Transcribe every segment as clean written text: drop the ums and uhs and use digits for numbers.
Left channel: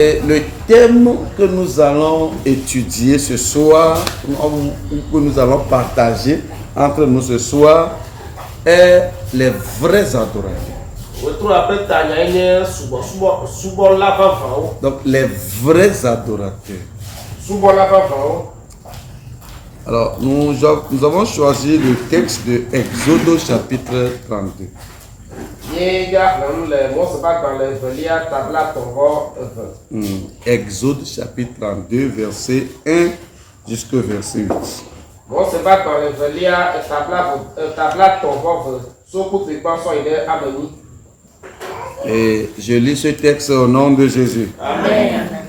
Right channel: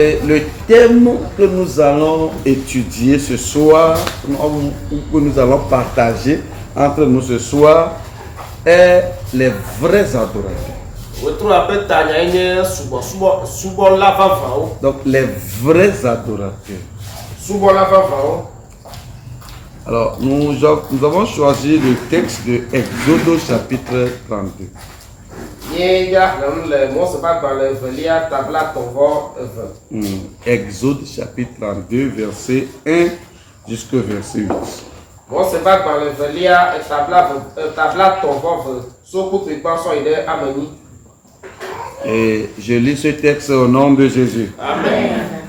Et le thème que nous allons étudier ce soir, que nous allons partager entre nous ce soir, est les vrais adorateurs. Donc les vrais adorateurs. Alors nous avons choisi le texte de Exode chapitre 32. Exode chapitre 32 verset 1 jusqu'au verset 8. Et je lis ce texte au nom de Jésus. Amen.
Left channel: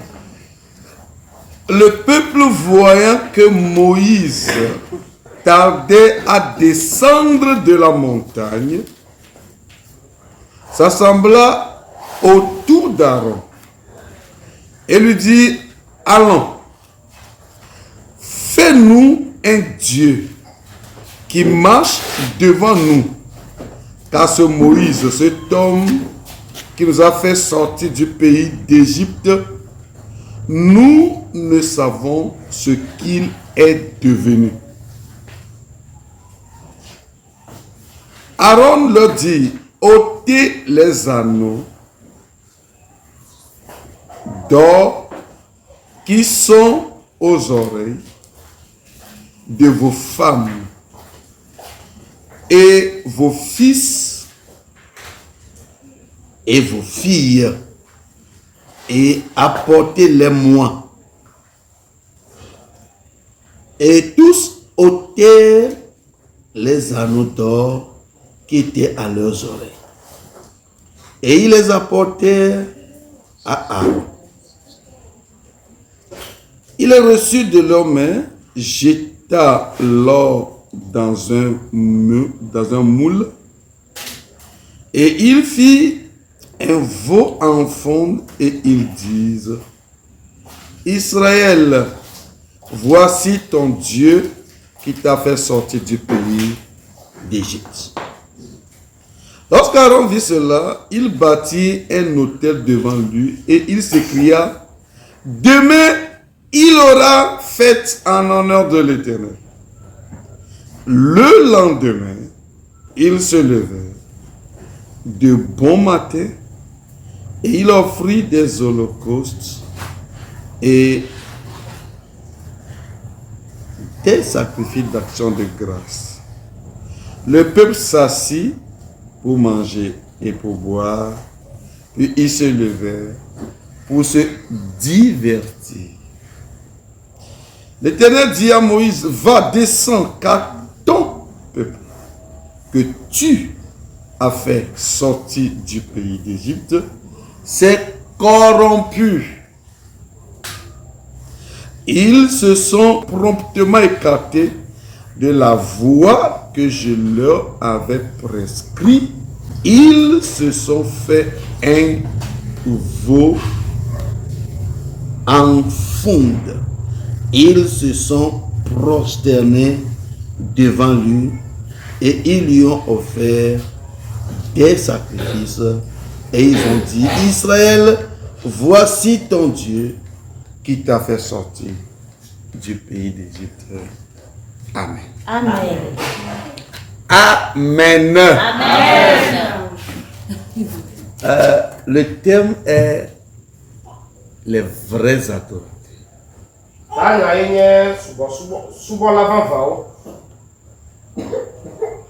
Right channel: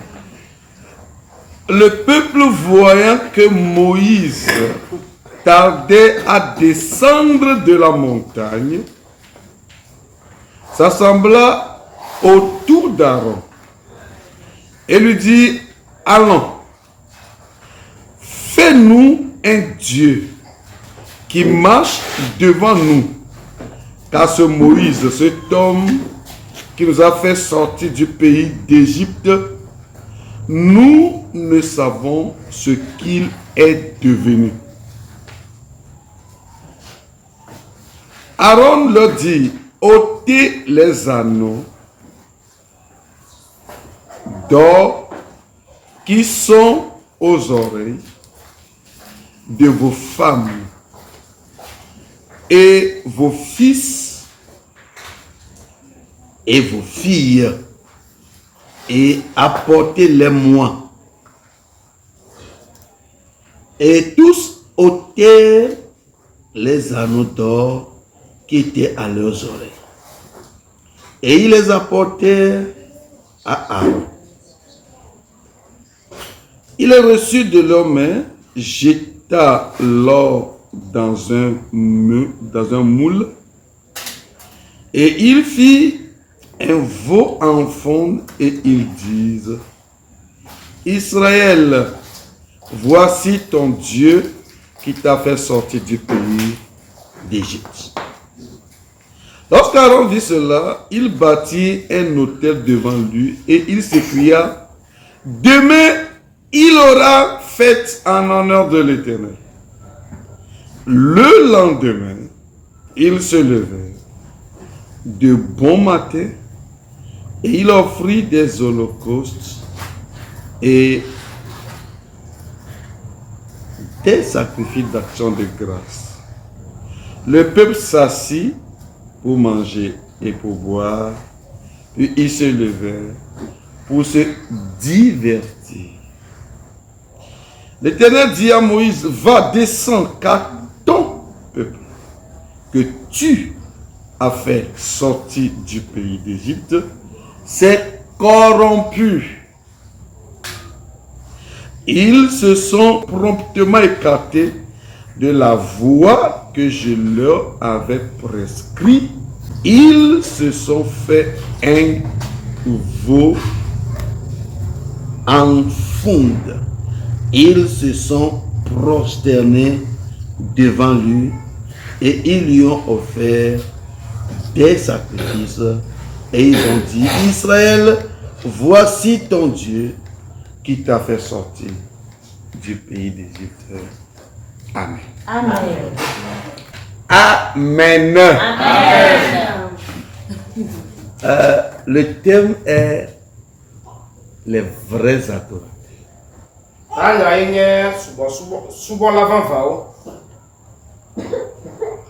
Le peuple, voyant que Moïse tardait à descendre de la montagne, s'assembla autour d'Aaron et lui dit: allons, fais-nous un Dieu qui marche devant nous, car ce Moïse, cet homme qui nous a fait sortir du pays d'Égypte, nous ne savons ce qu'il est devenu. Aaron leur dit: ôtez les anneaux d'or qui sont aux oreilles de vos femmes et vos fils et vos filles, et apportez-les-moi. Et tous ôtèrent les anneaux d'or qui étaient à leurs oreilles. Et ils les apportèrent à Aaron. Il les reçut de leurs mains, jeta l'or dans un moule, et il fit un veau en fonte, et ils disent: Israël, voici ton Dieu qui t'a fait sortir du pays d'Égypte. Lorsqu'Aaron vit cela, il bâtit un autel devant lui et il s'écria: demain, il aura fête en honneur de l'Éternel. Le lendemain, il se levait de bon matin et il offrit des holocaustes et des sacrifices d'action de grâce. Le peuple s'assit pour manger et pour boire, puis il se levait pour se divertir. L'Éternel dit à Moïse: va, descends, car ton peuple que tu as fait sortir du pays d'Égypte s'est corrompu. Ils se sont promptement écartés de la voie que je leur avais prescrite. Ils se sont fait un veau en fonte. Ils se sont prosternés devant lui et ils lui ont offert des sacrifices. Et ils ont dit: Israël, voici ton Dieu qui t'a fait sortir du pays d'Égypte. Amen. Amen. Amen. Amen. Le thème est les vrais adorateurs.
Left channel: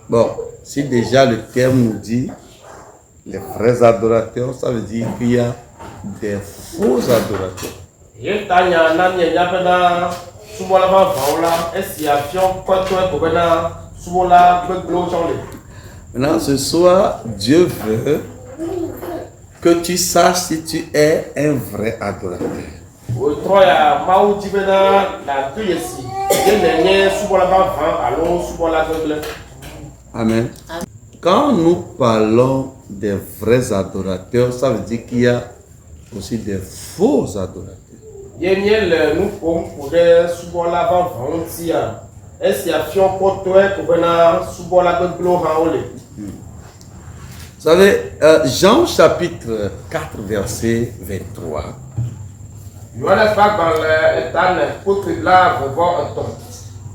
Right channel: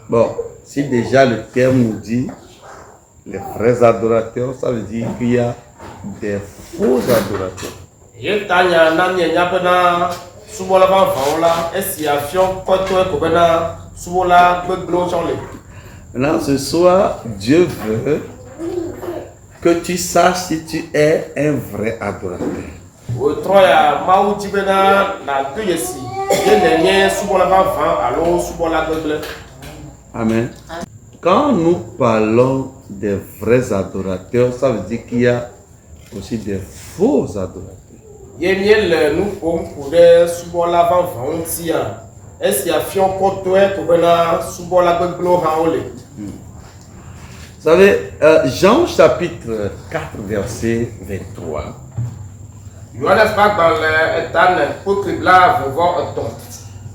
Bon, si déjà le thème nous dit les vrais adorateurs, ça veut dire qu'il y a des faux adorateurs. Maintenant, ce soir, Dieu veut que tu saches si tu es un vrai adorateur. Amen. Quand nous parlons des vrais adorateurs, ça veut dire qu'il y a aussi des faux adorateurs. Vous savez, Jean chapitre 4, verset 23,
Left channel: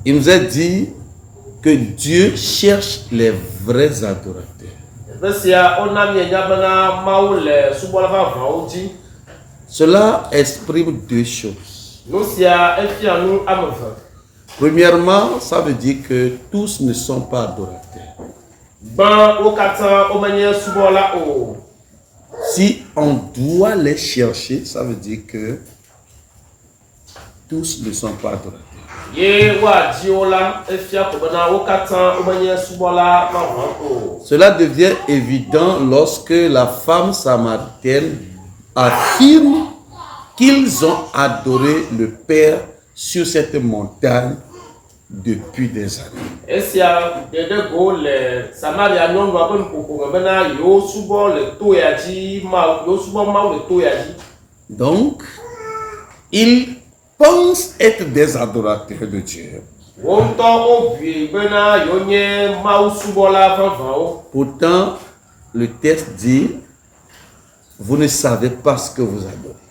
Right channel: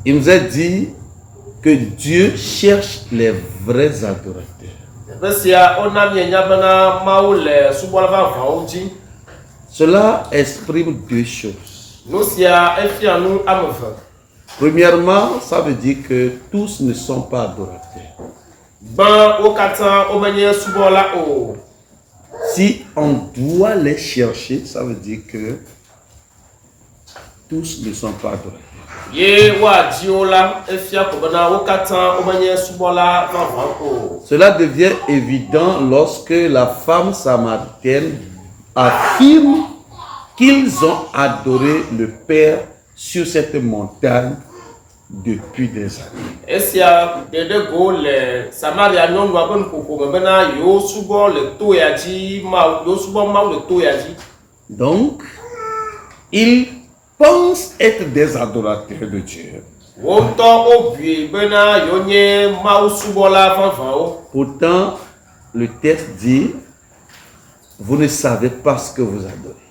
Il nous a dit que Dieu cherche les vrais adorateurs. Cela exprime deux choses. Premièrement, ça veut dire que tous ne sont pas adorateurs. Si on doit les chercher, ça veut dire que tous ne sont pas adorateurs. Cela devient évident lorsque la femme samaritaine affirme qu'ils ont adoré le Père sur cette montagne depuis des années. Donc, ils pensent être des adorateurs de Dieu. Pourtant, le texte dit, vous ne savez pas ce que vous adorez.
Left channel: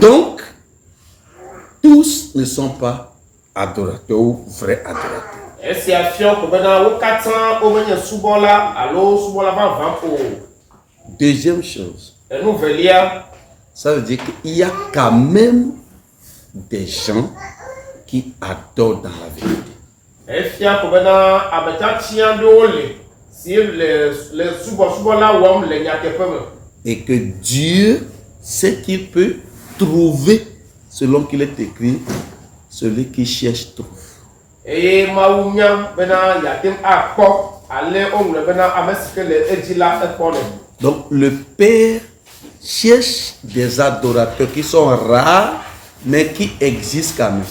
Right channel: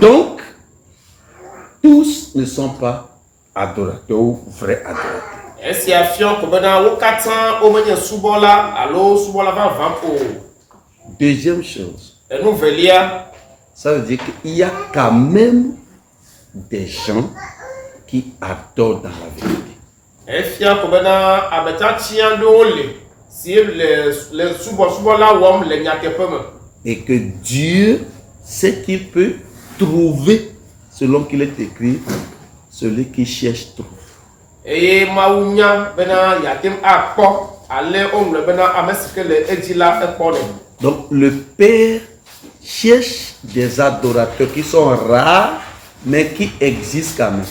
Donc, tous ne sont pas adorateurs ou vrais adorateurs. Deuxième chose, ça veut dire qu'il y a quand même des gens qui adorent dans la vérité. Et que Dieu sait qu'il peut trouver, selon qu'il est écrit, celui qui cherche trouve. Donc le Père cherche des adorateurs qui sont rares, mais qui existent quand même.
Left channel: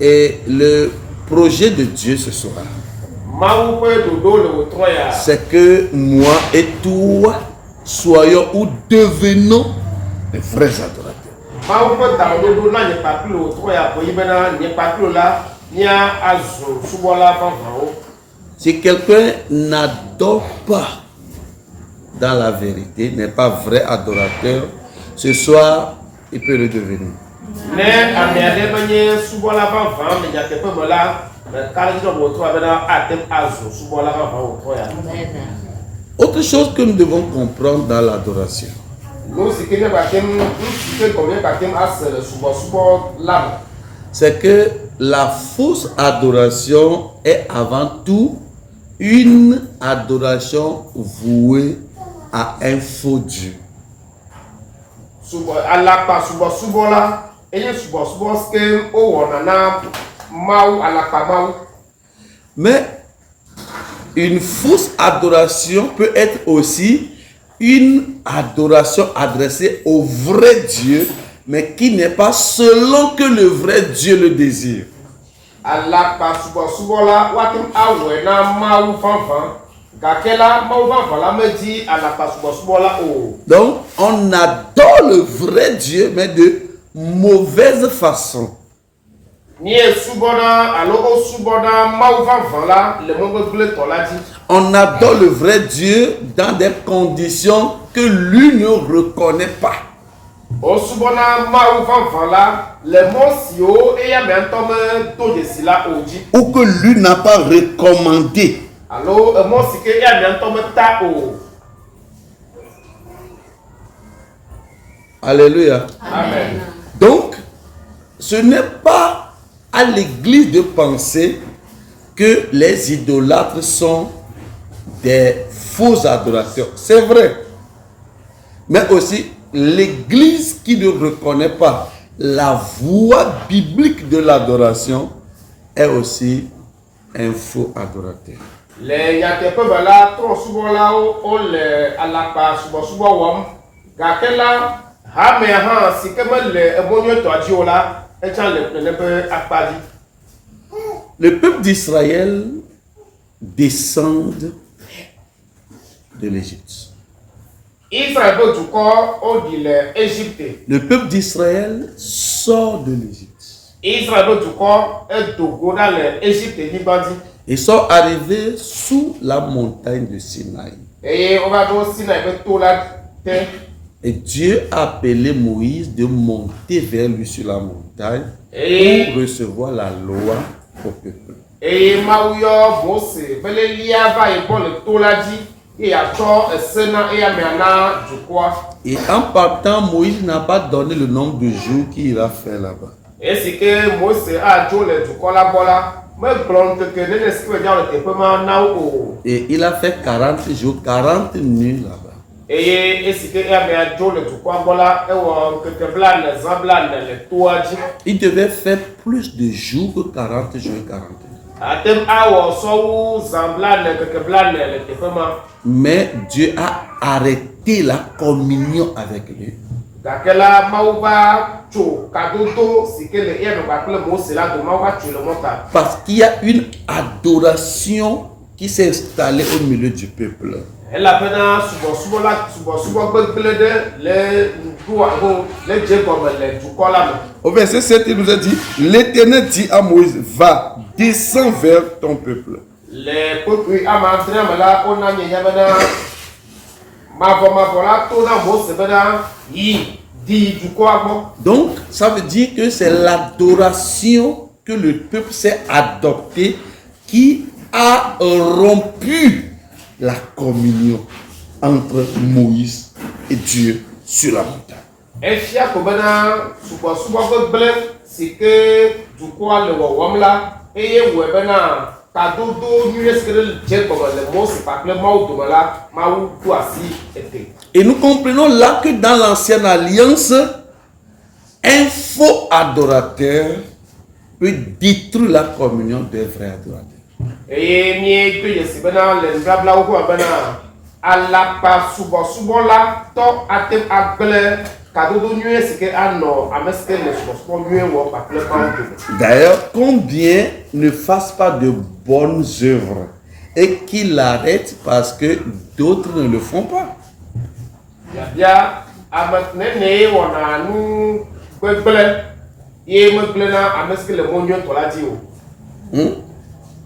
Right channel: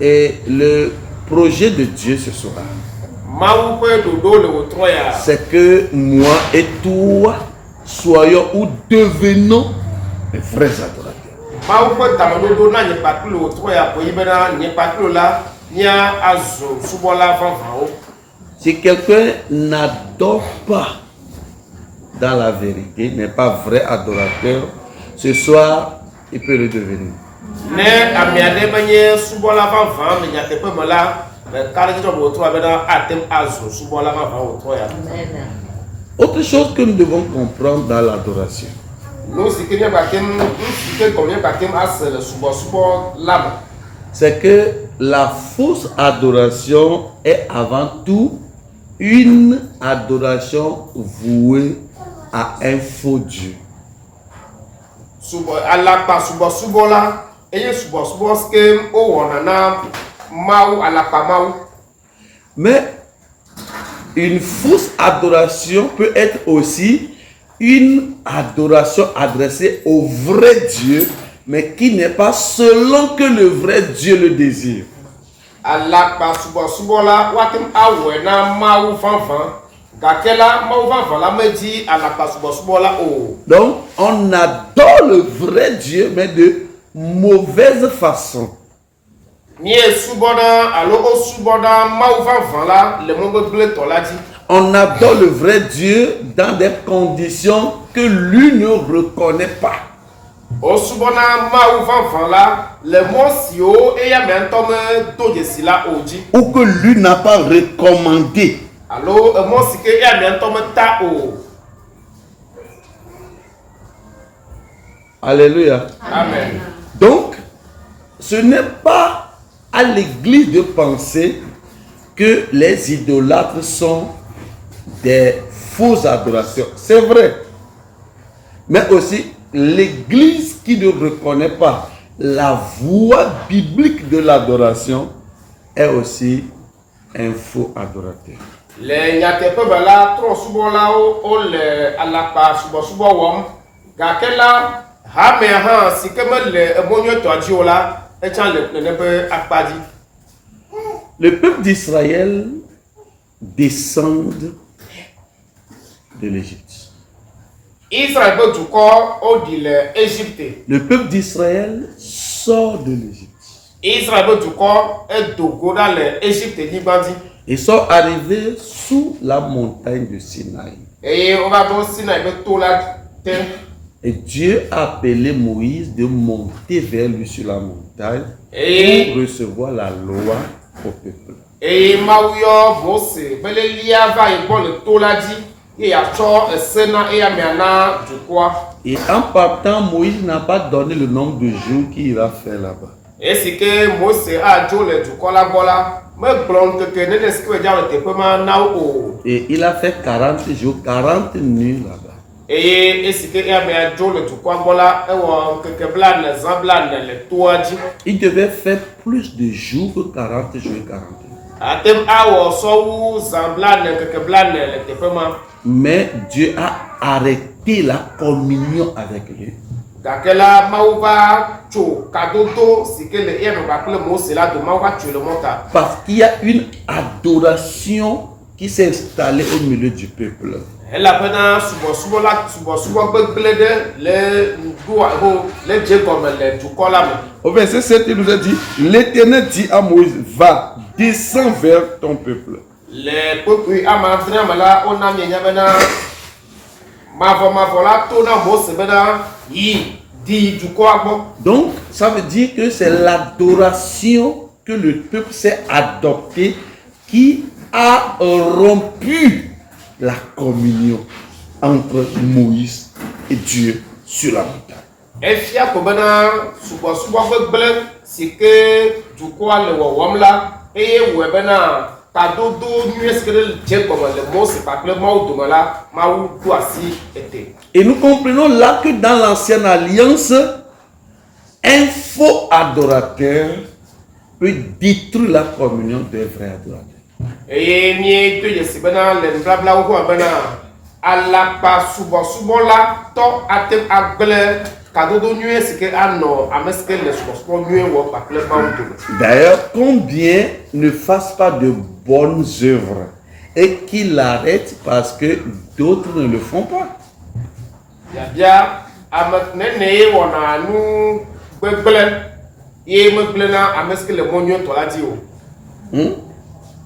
Et le projet de Dieu ce soir, c'est que moi et toi soyons ou devenons les vrais adorateurs. Si quelqu'un n'adore pas dans la vérité, n'est pas vrai adorateur, ce soir, il peut le devenir. Autre chose que nous devons comprendre dans l'adoration, c'est que la fausse adoration est avant tout une adoration vouée à un faux Dieu. Mais une fausse adoration peut être aussi une adoration adressée au vrai Dieu, mais qui n'est pas selon que le vrai Dieu le désire. Donc, on adore le vrai Dieu, mais de mauvaise façon. On adore le vrai Dieu dans des conditions que lui ne reconnaît pas. Ou que lui n'a pas recommandé. Alléluia. Amen. Donc, ce n'est pas à l'église de penser que les idolâtres sont des faux adorateurs. C'est vrai. Mais aussi, l'église qui ne reconnaît pas la voie biblique de l'adoration est aussi un faux adorateur. Le peuple d'Israël descend de l'Égypte. Le peuple d'Israël sort de l'Égypte. Ils sont arrivés sous la montagne de Sinaï. Et Dieu a appelé Moïse de monter vers lui sur la montagne pour recevoir la loi au peuple. Et en partant, Moïse n'a pas donné le nombre de jours qu'il ira faire là-bas. Et il a fait 40 jours, 40 nuits là-bas. Il devait faire plus de jours que 40 jours et 40 nuits. Mais Dieu a arrêté la communion avec lui. Parce qu'il y a une adoration qui s'est installée au milieu du peuple. Au verset 7, il nous a dit, l'Éternel dit à Moïse, va, descends vers ton peuple. Donc, ça veut dire que c'est l'adoration que le peuple s'est adopté qui a rompu la communion entre Moïse et Dieu sur la montagne. Et nous comprenons là que dans l'ancienne alliance, un faux adorateur peut détruire la communion des vrais adorateurs. D'ailleurs, combien ne fassent pas de bonnes œuvres et qu'ils l'arrêtent parce que d'autres ne le font pas.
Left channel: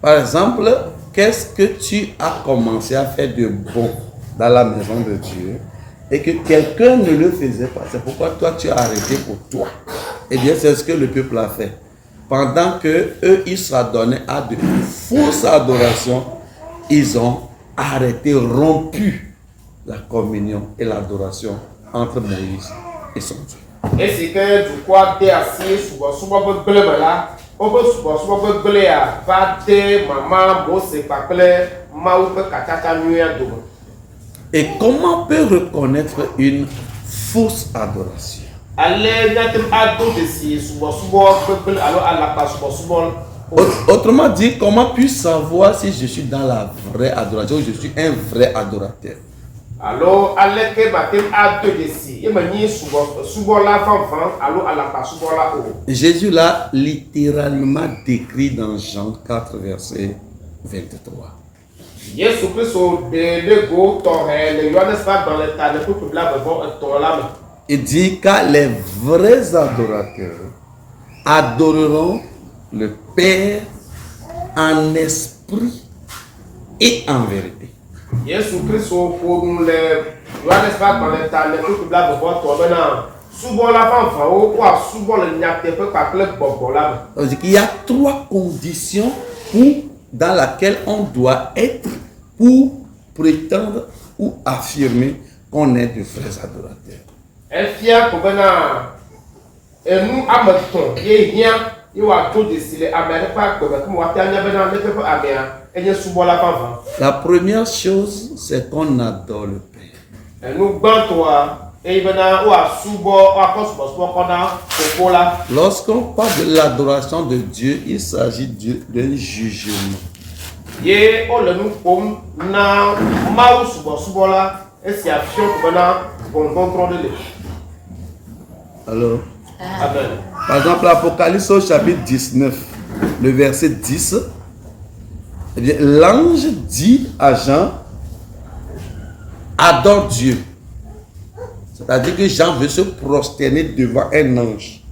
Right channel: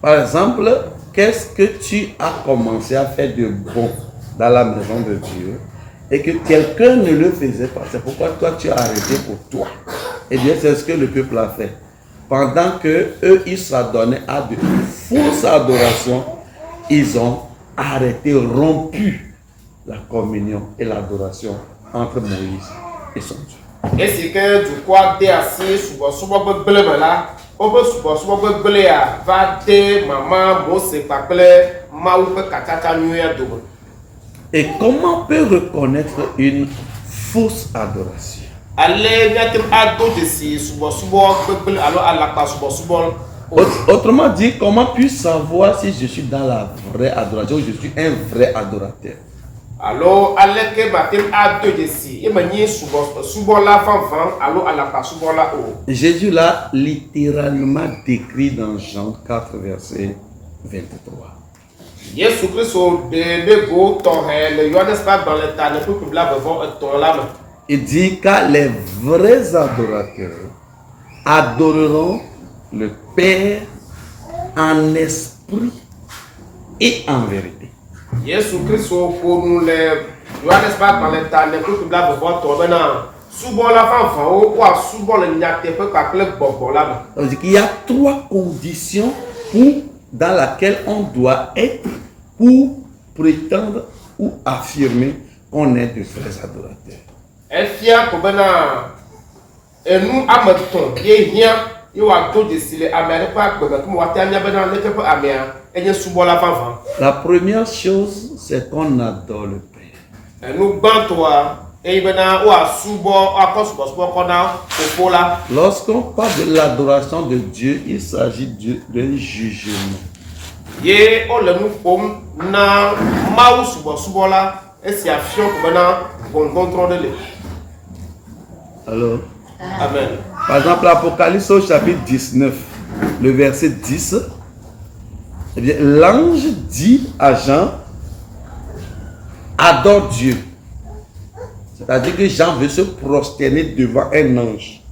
Par exemple, qu'est-ce que tu as commencé à faire de bon dans la maison de Dieu et que quelqu'un ne le faisait pas? C'est pourquoi toi tu as arrêté pour toi. Eh bien, c'est ce que le peuple a fait. Pendant que eux, ils s'adonnaient à de fausses adorations, ils ont arrêté, rompu la communion et l'adoration entre Moïse et son Dieu. Et c'est que du quoi t'es assis souvent là. Et comment on peut reconnaître une fausse adoration? Autrement dit, comment puis-je savoir si je suis dans la vraie adoration ou je suis un vrai adorateur? Jésus l'a littéralement décrit dans Jean 4, verset 23. Il dit car les vrais adorateurs adoreront le Père en esprit et en vérité. Il y a trois conditions dans lesquelles on doit être pour prétendre ou affirmer qu'on est de vrais adorateurs. La première chose, c'est qu'on adore le Père. Lorsqu'on parle de l'adoration de Dieu, il s'agit d'un jugement. Alors, amen. Par exemple, l'Apocalypse au chapitre 19, le verset 10, eh bien, l'ange dit à Jean, adore Dieu. C'est-à-dire que Jean veut se prosterner devant un ange.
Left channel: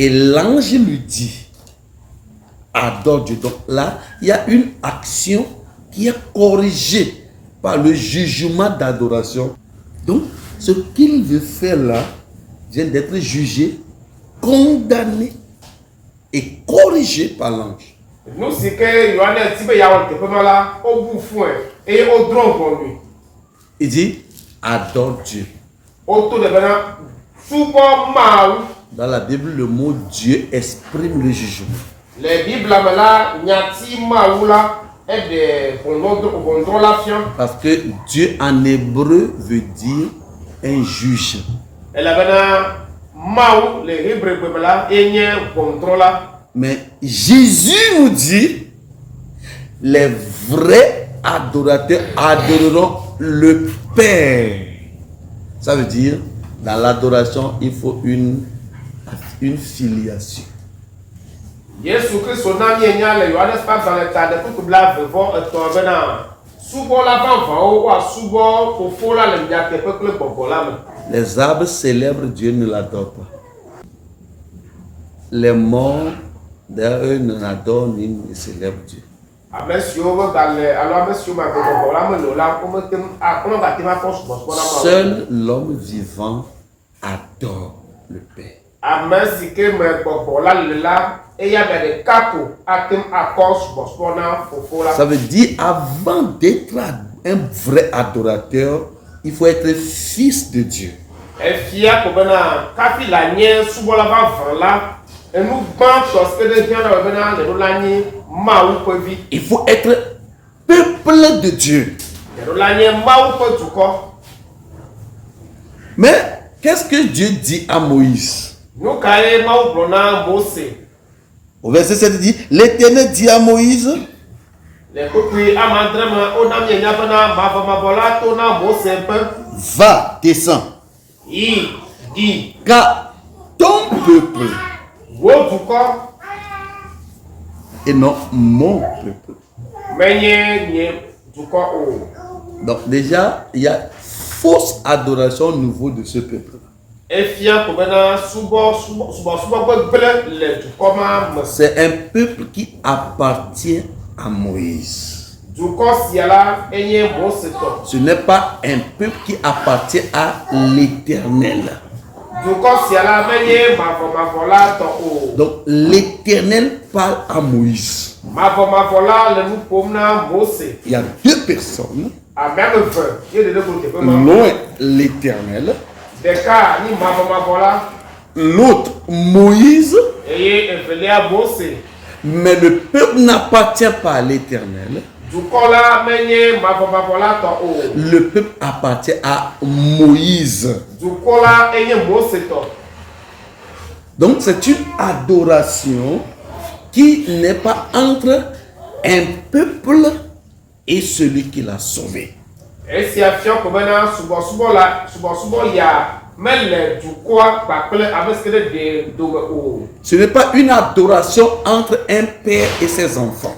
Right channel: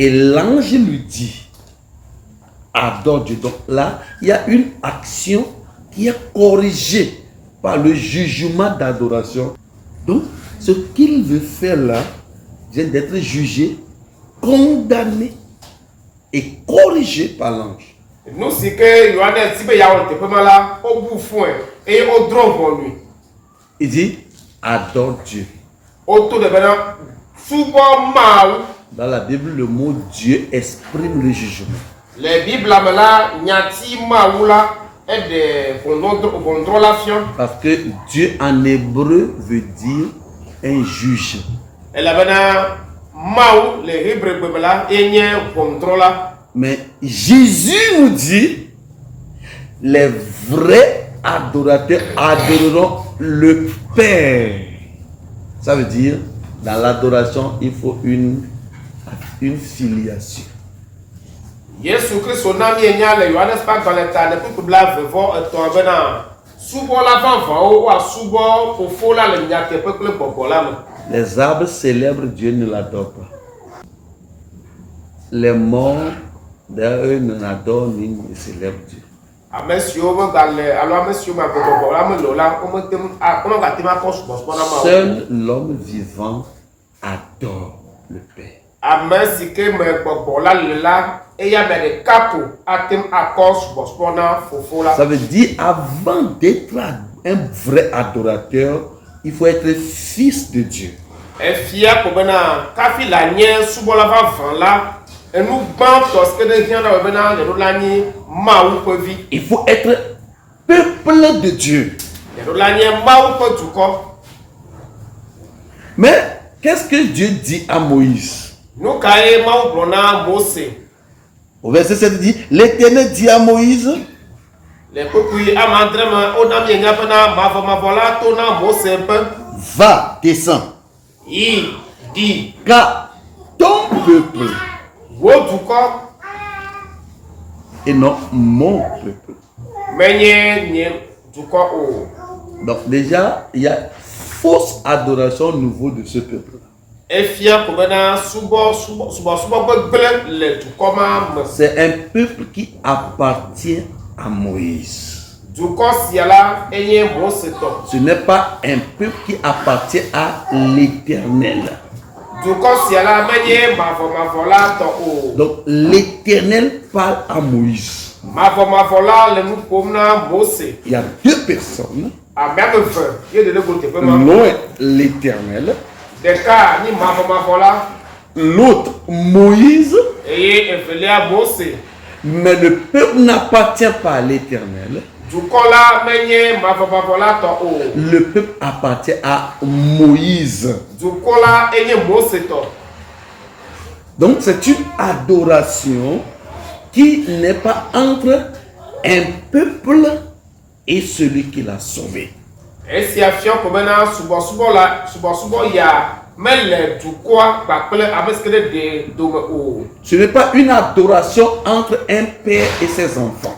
Et l'ange lui dit, adore Dieu. Donc là, il y a une action qui est corrigée par le jugement d'adoration. Donc, ce qu'il veut faire là vient d'être jugé, condamné et corrigé par l'ange. Nous, c'est que Yohannes, si il y a un peu mal au bout foin et au drôle pour lui. Il dit, adore Dieu. Autour de maintenant, souvent mal. Dans la Bible, le mot Dieu exprime le jugement. Les Bibles là, nyati maoula est des contrôlations. Parce que Dieu en hébreu veut dire un juge. Et là maintenant, maou les Hébreux là, et n'y contrôle. Mais Jésus nous dit, les vrais adorateurs adoreront le Père. Ça veut dire, dans l'adoration, il faut une filiation. Jésus Christ, son ami est né, Yohannes pas dans le tas de tout blanc, vont tomber dans. Souvent l'avant, ou à souvent au fond là, les miatés peuple pour là. Les arbres célèbrent Dieu, ne l'adorent pas. Les morts, d'ailleurs, eux n'adorent ni ne célèbrent Dieu. Seul l'homme vivant adore le Père. Ça veut dire, avant d'être un vrai adorateur, il faut être fils de Dieu. Il faut être peuple de Dieu. Mais qu'est-ce que Dieu dit à Moïse? Au verset 7, il dit, l'Éternel dit à Moïse, va, descends, car ton peuple et non mon peuple. Donc déjà, il y a fausse adoration au niveau de ce peuple. C'est un peuple qui appartient à Moïse. Ce n'est pas un peuple qui appartient à l'Éternel. Donc l'Éternel parle à Moïse. Il y a deux personnes. L'un l'Éternel. L'autre Moïse. Mais le peuple n'appartient pas à l'Éternel. Le peuple appartient à Moïse. Donc c'est une adoration qui n'est pas entre un peuple et celui qui l'a sauvé. Ce n'est pas une adoration entre un père et ses enfants.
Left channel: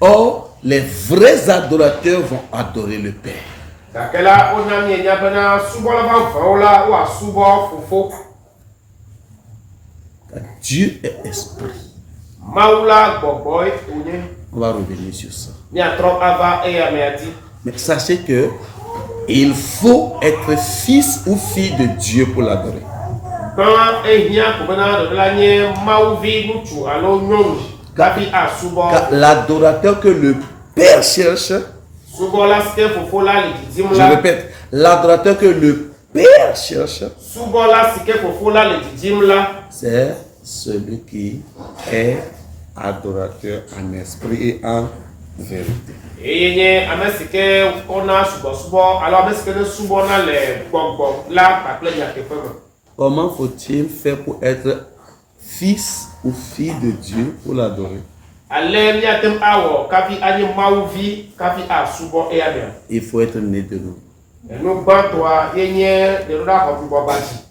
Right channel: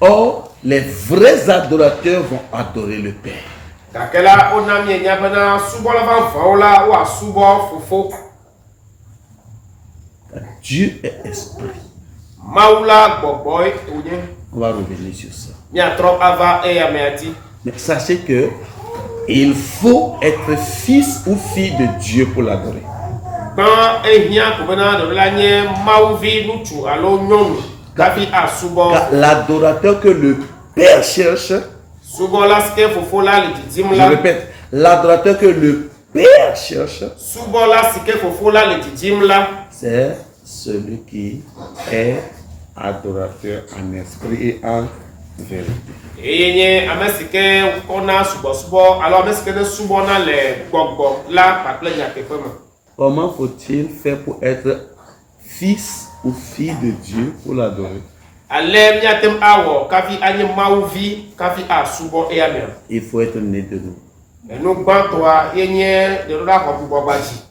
Or, les vrais adorateurs vont adorer le Père. Dieu est esprit. On va revenir sur ça. Mais sachez que il faut être fils ou fille de Dieu pour l'adorer. Car l'adorateur que le Père cherche, je répète, l'adorateur que le Père cherche, c'est celui qui est adorateur en esprit et en vérité. Comment faut-il faire pour être fils ou fille de Dieu pour l'adorer? Il faut être né de nouveau.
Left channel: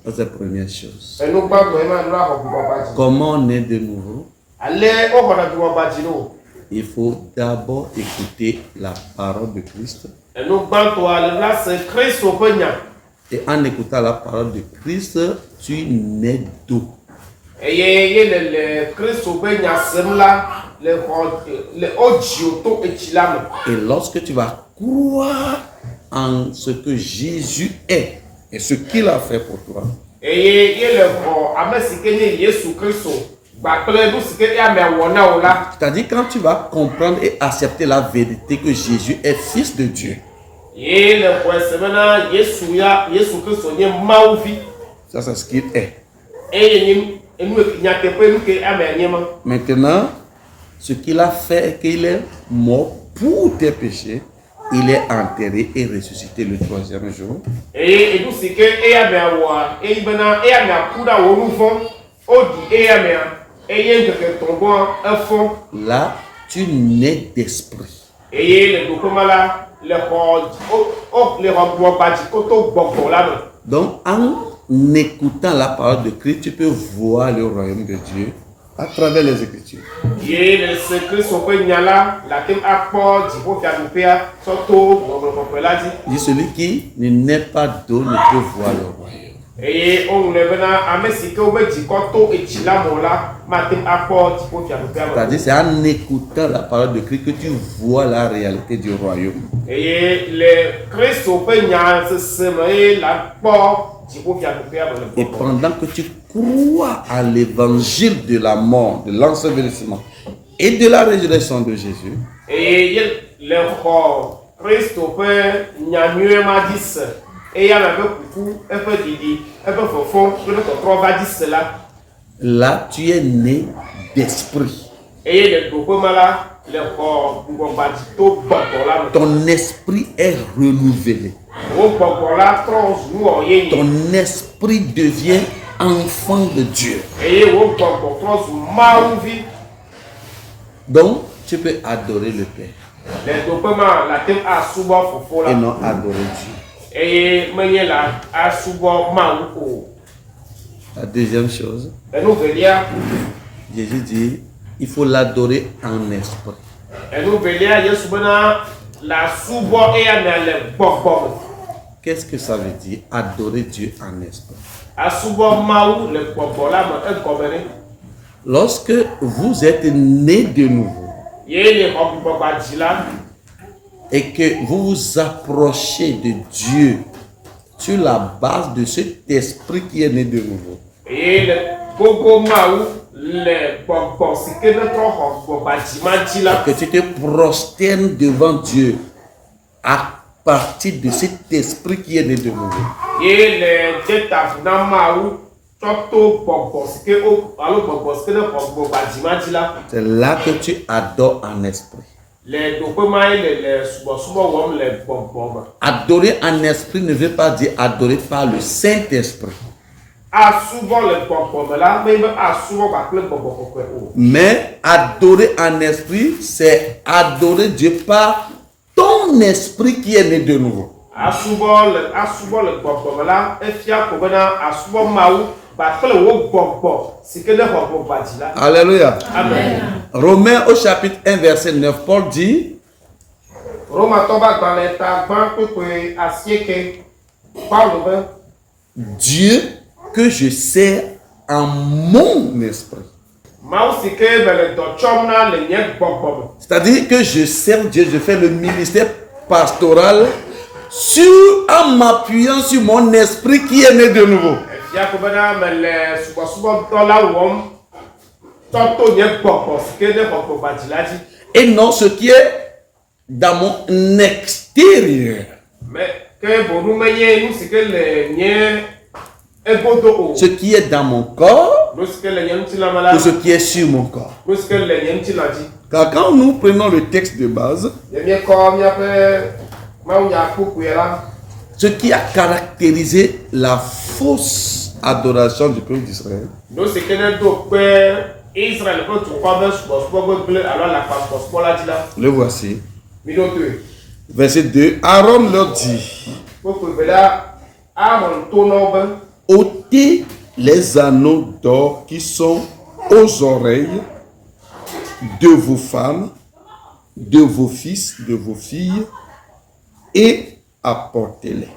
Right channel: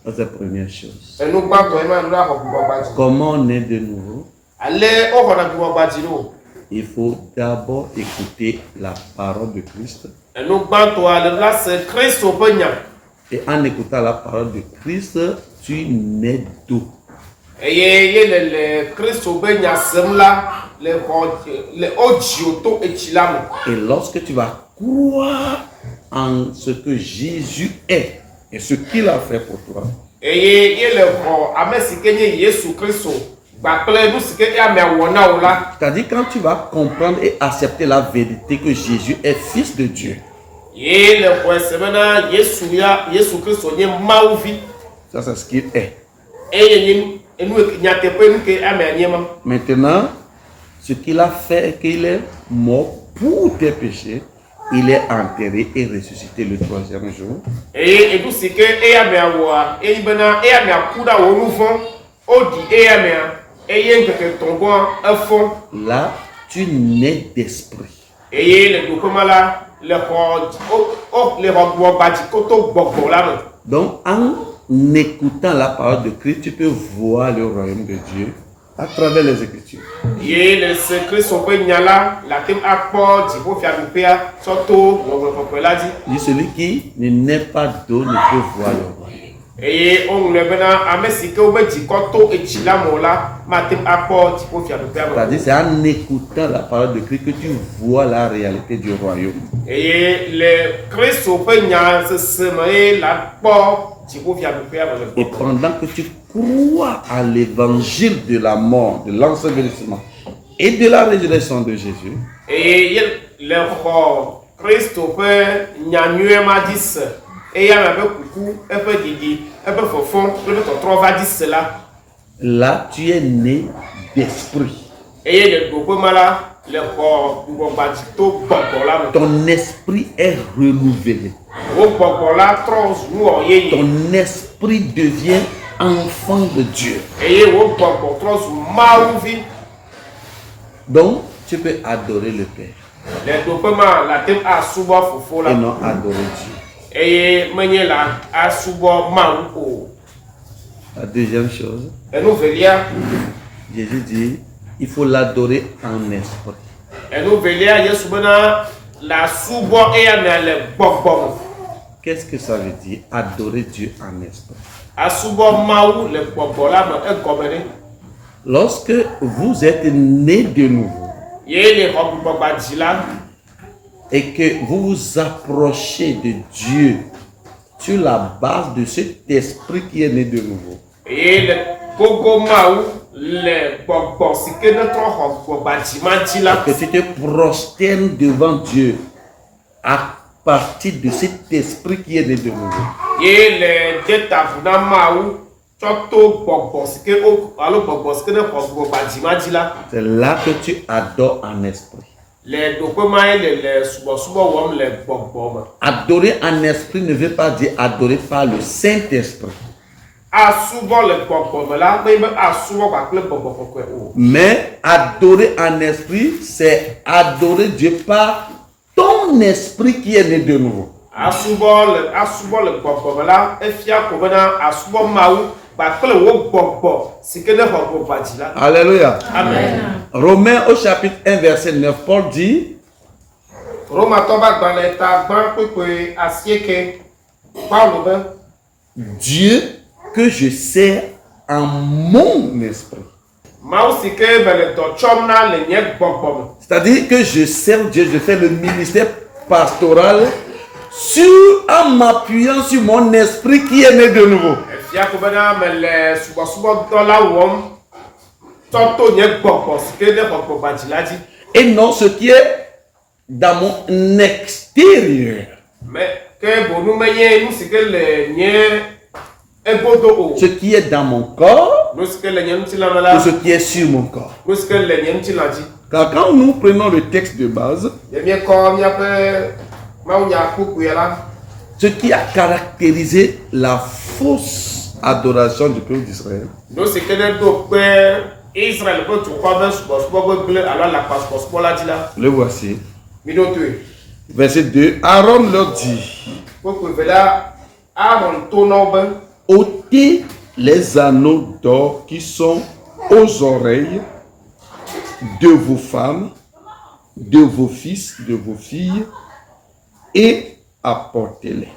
C'est la première chose. Comment on est de nouveau? Il faut d'abord écouter la parole de Christ. nous bantons à la place Christ au pognon. Et en écoutant la parole de Christ, tu nais d'eau. Et le Christ au pognon, c'est là, le Odioto et Chilam. Et lorsque tu vas croire en ce que Jésus est et ce qu'il a fait pour toi, Et le Amesikenye Yesu Christ. c'est-à-dire quand tu vas comprendre et accepter la vérité que Jésus est fils de Dieu. Ça, c'est ce qu'il est. Maintenant, ce qu'il a fait est qu'il est mort pour tes péchés. Il est enterré et ressuscité le 3e jour. Là, tu nais d'esprit. Donc, en écoutant la parole de Christ, tu peux voir le royaume de Dieu à travers les Écritures. Dit celui qui ne naît pas d'eau ne peut voir le royaume. C'est-à-dire, c'est en écoutant la parole de Christ que tu vois la réalité du royaume. Et pendant que tu crois à l'évangile de la mort, de l'ensevelissement et de la résurrection de Jésus, là tu es né d'esprit. Ton esprit est renouvelé. Ton esprit devient enfant de Dieu. Donc, tu peux adorer le Père et non adorer Dieu. La deuxième chose, Jésus dit, il faut l'adorer en esprit. Qu'est-ce que ça veut dire, adorer Dieu en esprit? Lorsque vous êtes né de nouveau et que vous vous approchez de Dieu sur la base de cet esprit qui est né de nouveau, que tu te prosternes devant Dieu à partir de cet esprit qui est né de nouveau. C'est là que tu adores en esprit. Adorer en esprit ne veut pas dire adorer par le Saint-Esprit. Mais adorer en esprit, c'est adorer Dieu par ton esprit qui est né de nouveau. Alléluia. Amen. Romains au chapitre 1 verset 9, Paul dit, Dieu que je sers en mon esprit. C'est-à-dire que je sers Dieu, je fais le ministère pastoral en m'appuyant sur mon esprit qui est né de nouveau. Et non ce qui est dans mon extérieur. Ce qui est dans mon corps ou ce qui est sur mon corps. Car quand nous prenons le texte de base, ce qui a caractérisé la fausse adoration du peuple d'Israël, le voici. Verset 2, Aaron leur dit, ôtez les anneaux d'or qui sont aux oreilles de vos femmes, de vos fils, de vos filles, et apportez-les.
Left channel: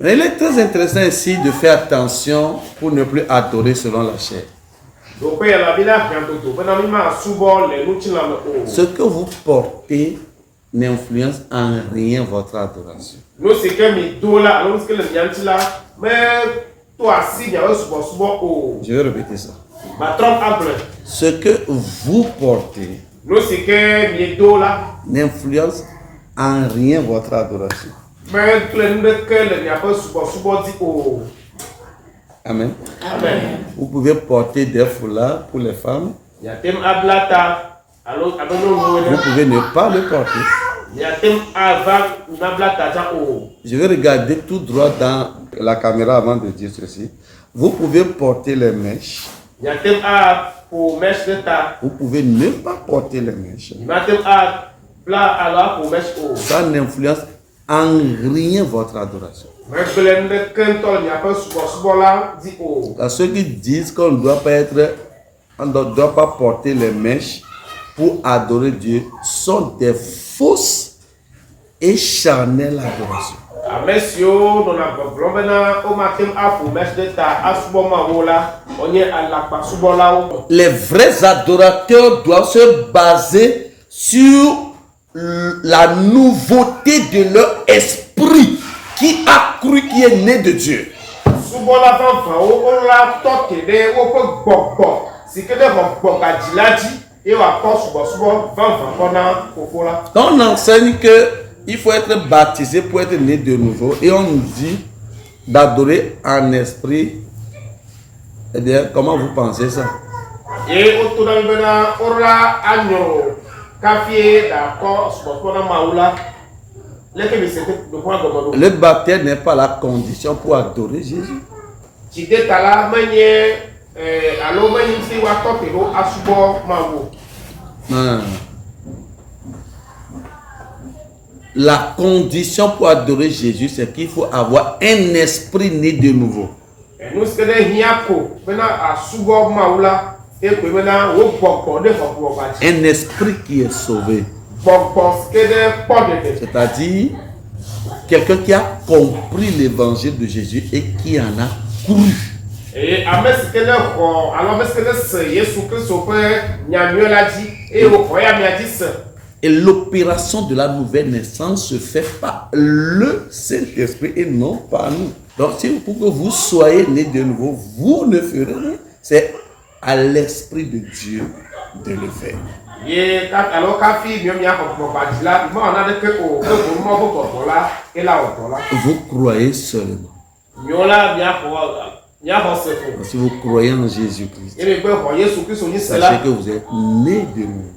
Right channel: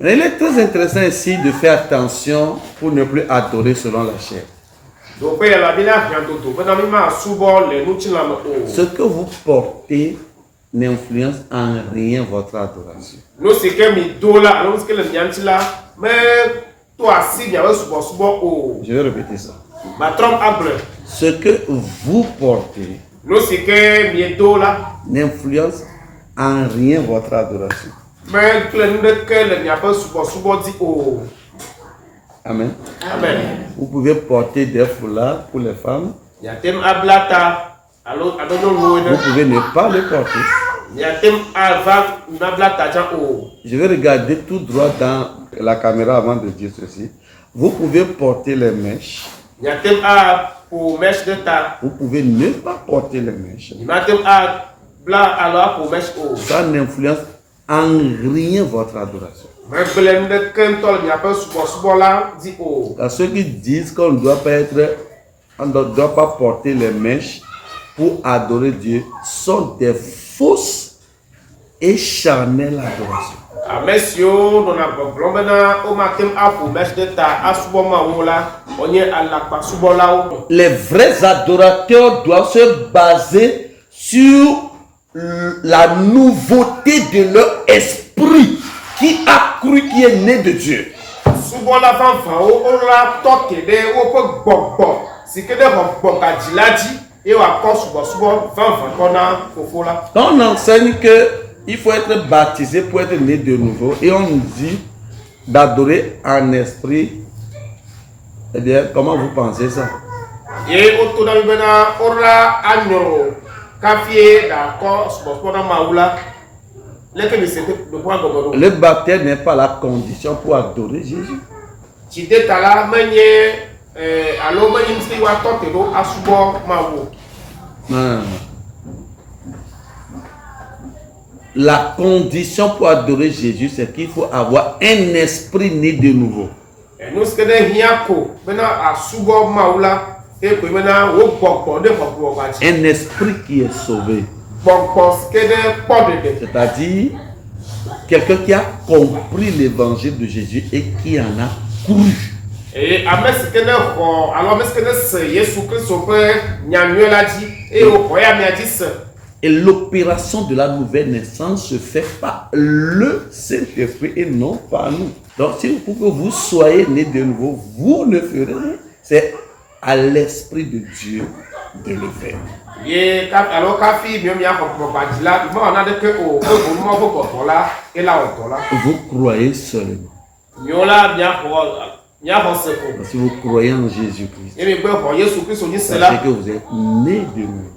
Mais il est très intéressant ici de faire attention pour ne plus adorer selon la chair. Ce que vous portez n'influence en rien votre adoration. Je vais répéter ça. Ce que vous portez n'influence en rien votre adoration. Amen. Amen. Vous pouvez porter des foulards pour les femmes. Vous pouvez ne pas le porter. Je vais regarder tout droit dans la caméra avant de dire ceci. Vous pouvez porter les mèches. Vous pouvez ne pas porter les mèches. Ça n'influence en rien votre adoration. Ceux qui disent qu'on ne doit pas porter les mèches pour adorer Dieu sont des fausses et charnelles adorations. Les vrais adorateurs doivent se baser sur la nouveauté de leur esprit qui a cru, qui est né de Dieu. On enseigne qu'il faut être baptisé pour être né de nouveau et on nous dit d'adorer en esprit. Eh bien, comment vous pensez ça? Le baptême n'est pas la condition pour adorer Jésus. Non. La condition pour adorer Jésus, c'est qu'il faut avoir un esprit né de nouveau. Un esprit qui est sauvé. C'est-à-dire quelqu'un qui a compris l'évangile de Jésus et qui en a couru. Et l'opération de la nouvelle naissance se fait par le Saint-Esprit et non par nous. Donc, si pour que vous soyez nés de nouveau, vous ne ferez rien. C'est à l'Esprit de Dieu de le faire. Vous croyez seulement. Si vous croyez en Jésus-Christ, sachez que vous êtes nés de nouveau.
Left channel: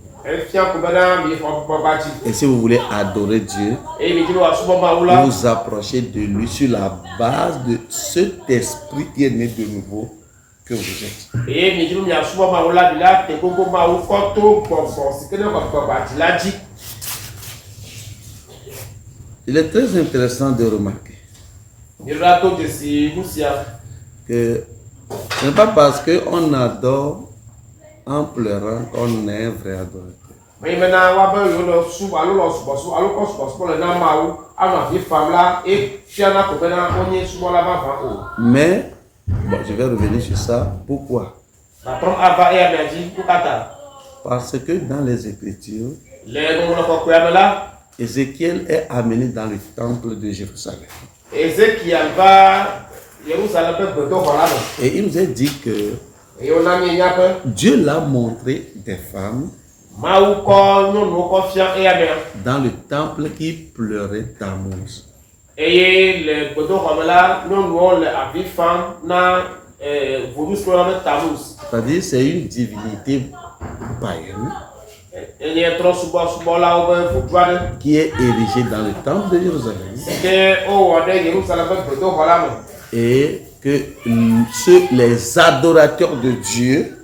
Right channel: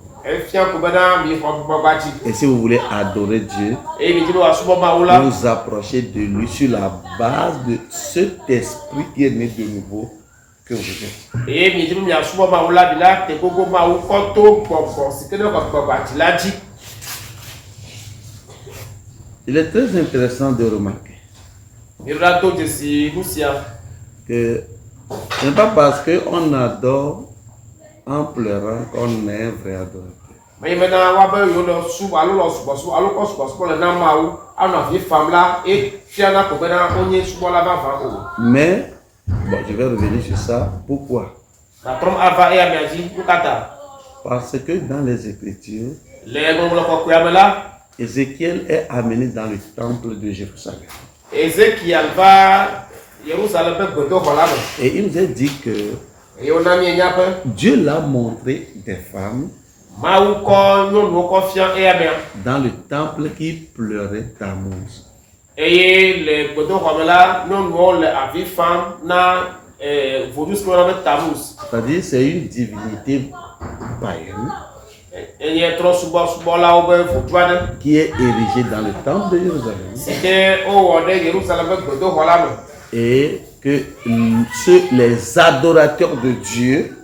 Et si vous voulez adorer Dieu, vous vous approchez de lui sur la base de cet esprit qui est né de nouveau que vous êtes. Il est très intéressant de remarquer que ce n'est pas parce qu'on adore en pleurant qu'on est un vrai adorateur. Mais, bon, je vais revenir sur ça. Pourquoi? Parce que dans les Écritures, Ézéchiel est amené dans le temple de Jérusalem. Et il nous a dit que Dieu l'a montré des femmes dans le temple qui pleuraient Tammuz. C'est-à-dire c'est une divinité païenne qui est érigée dans le temple de Jérusalem. Et que les adorateurs de Dieu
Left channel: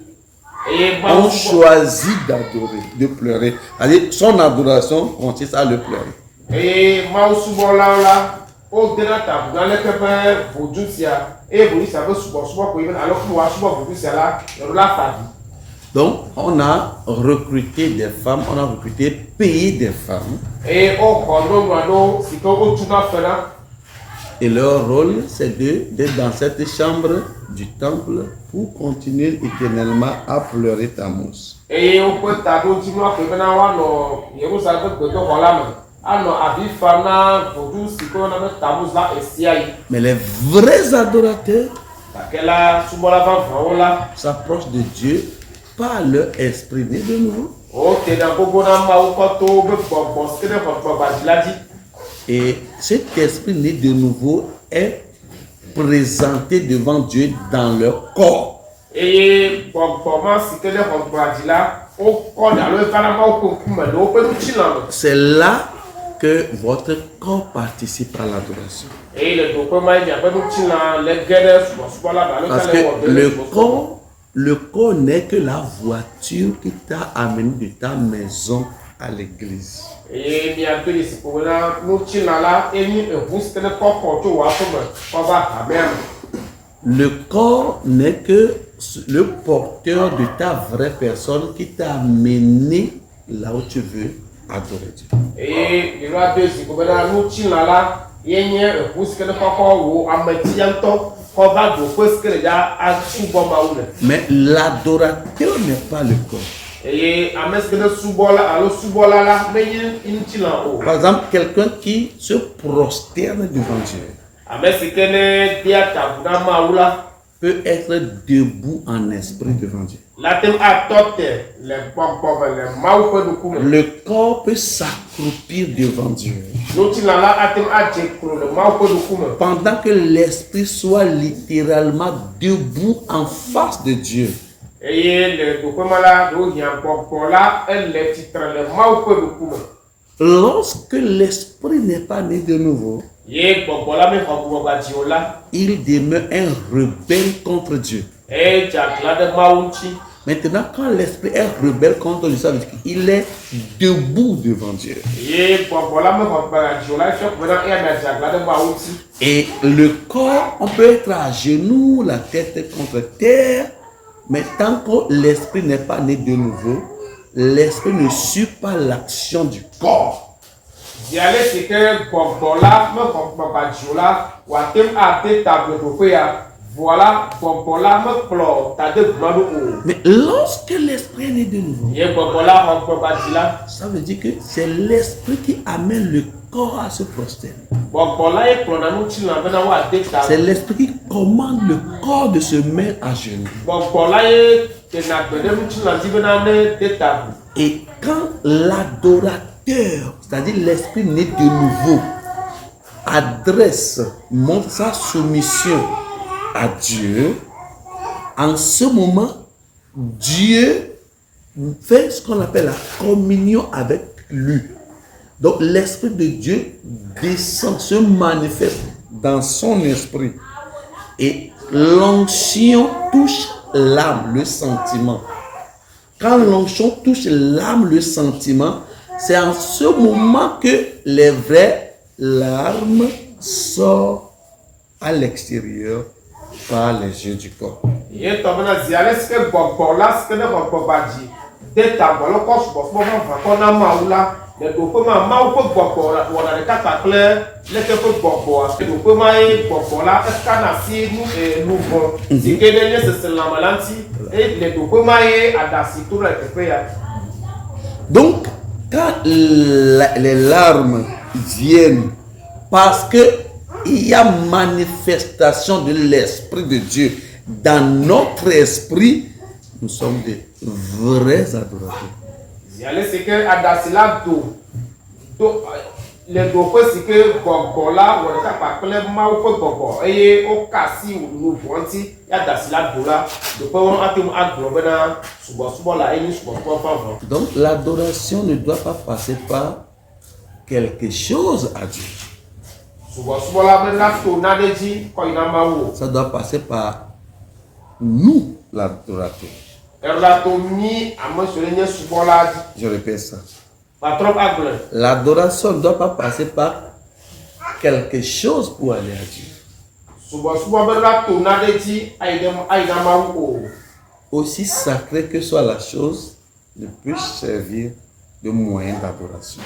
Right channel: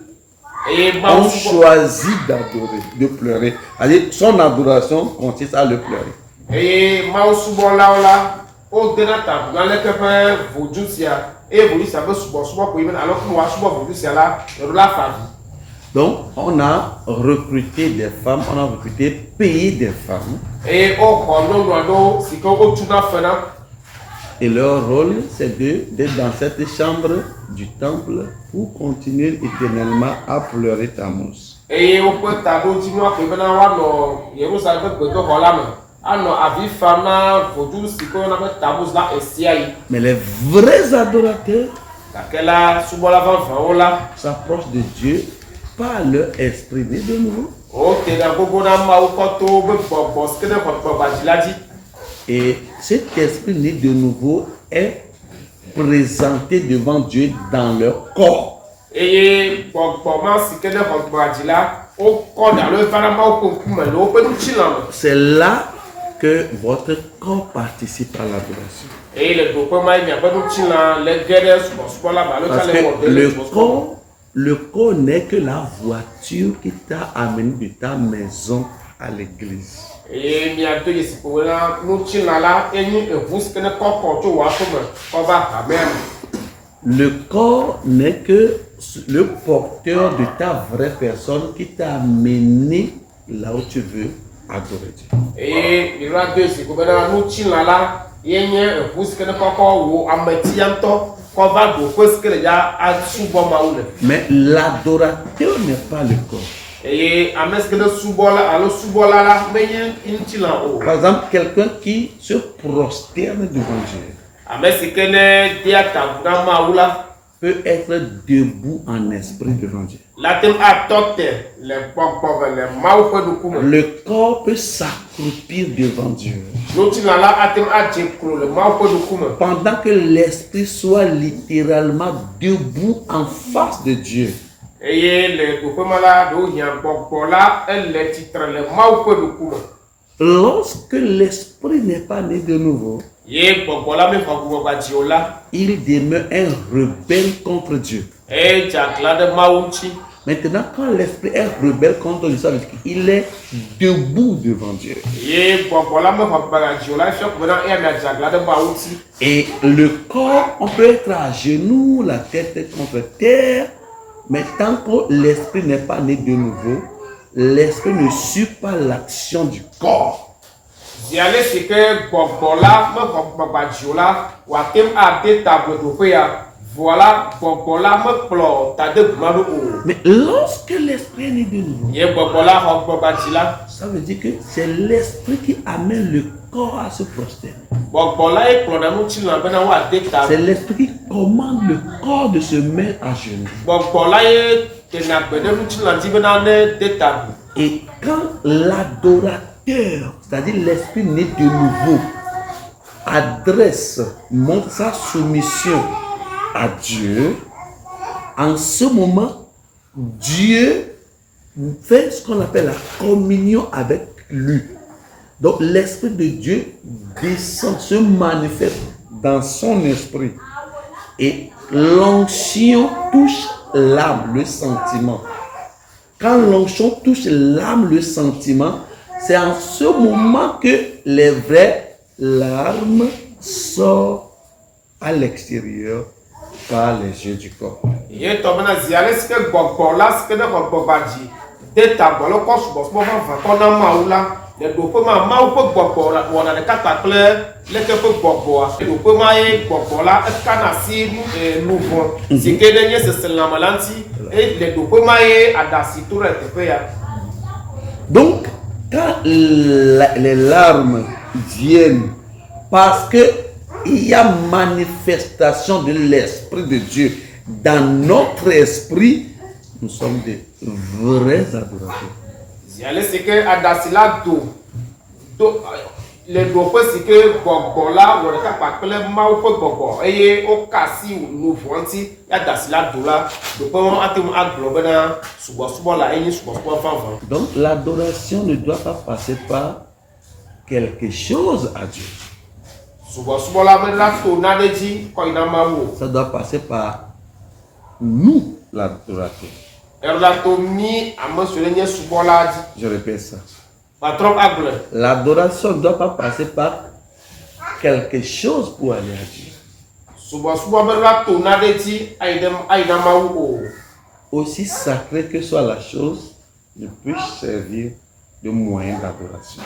ont choisi d'adorer, de pleurer. C'est-à-dire son adoration consiste à le pleurer. Donc, on a recruté des femmes, on a recruté, payé des femmes. Et au grand c'est que au tout à fait. Et leur rôle, c'est d'être dans cette chambre du temple pour continuer éternellement à pleurer Tammuz. Et on peut t'avoir dit moi que maintenant on a Jérusalem que donc voilà alors avis femme là pour tout ce qu'on a met Tammuz là et siaï. Mais les vrais adorateurs s'approchent de Dieu par leur esprit né de nouveau. Et cet esprit né de nouveau est présenté devant Dieu dans leur corps. C'est là que votre corps participe à l'adoration. Parce que le corps n'est que la voiture qui t'a amené de ta maison à l'église. Le corps n'est que le porteur de ta vraie personne qui t'a amené là où tu veux adorer Dieu. Mais l'adorateur n'est pas le corps. Par exemple, quelqu'un qui se prosterne devant Dieu peut être debout en esprit devant Dieu. Le corps peut s'accroupir devant Dieu. Pendant que l'esprit soit littéralement debout en face de Dieu. Lorsque l'esprit n'est pas né de nouveau, il demeure un rebelle contre Dieu. Maintenant, quand l'esprit est rebelle contre Dieu, ça veut dire qu'il est debout devant Dieu. Et le corps, on peut être à genoux, la tête contre terre, mais tant que l'esprit n'est pas né de nouveau, l'esprit ne suit pas l'action du corps. Mais lorsque l'esprit est né de nouveau, ça veut dire que c'est l'esprit qui amène le corps à se prosterner. C'est l'esprit qui commande le corps de se mettre à genoux. Et quand l'adorateur, c'est-à-dire l'esprit né de nouveau, montre sa soumission à Dieu, en ce moment, Dieu fait ce qu'on appelle la communion avec lui. Donc l'esprit de Dieu descend, se manifeste dans son esprit. Et l'onction touche l'âme, le sentiment. Quand l'onction touche l'âme, le sentiment, c'est en ce moment que les vraies larmes sortent à l'extérieur par les yeux du corps. Donc, quand les larmes viennent parce que il y a manifestation de l'Esprit de Dieu dans notre esprit, nous sommes des vrais adorateurs. Donc l'adoration ne doit pas passer par quelque chose à Dieu. Ça doit passer par nous, l'adorateur. Je répète ça. L'adoration ne doit pas passer par quelque chose pour aller à Dieu. aussi sacrée que soit la chose, ne peut servir de moyen d'adoration.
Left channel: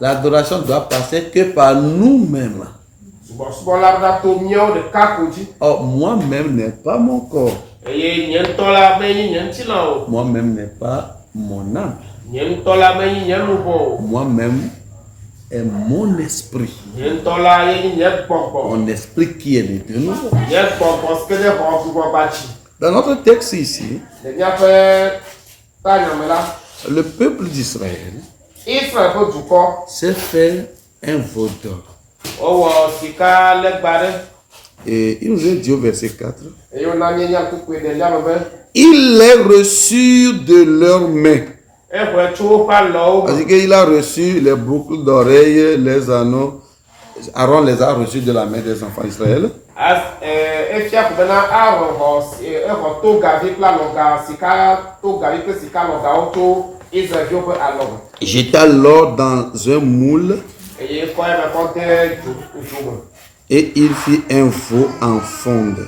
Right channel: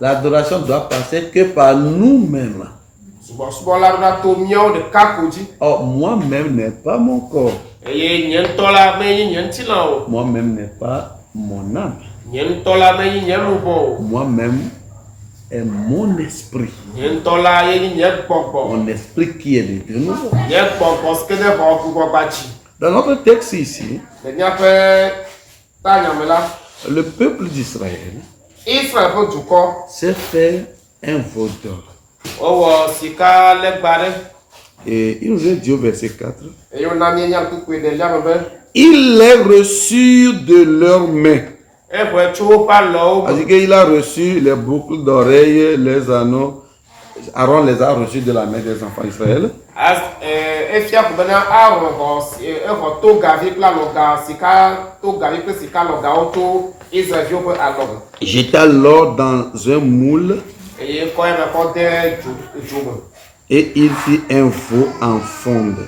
L'adoration doit passer que par nous-mêmes. Or, moi-même n'est pas mon corps. Moi-même n'est pas mon âme. Moi-même est mon esprit. Mon esprit qui est de nouveau. Dans notre texte ici, le peuple d'Israël s'est fait un veau d'or. Et il nous est dit au verset 4, ils les reçurent de leurs mains. C'est-à-dire qu'il a reçu les boucles d'oreilles, les anneaux. Aaron les a reçus de la main des enfants d'Israël. Jeta l'or dans un moule et il fit un veau en fonte.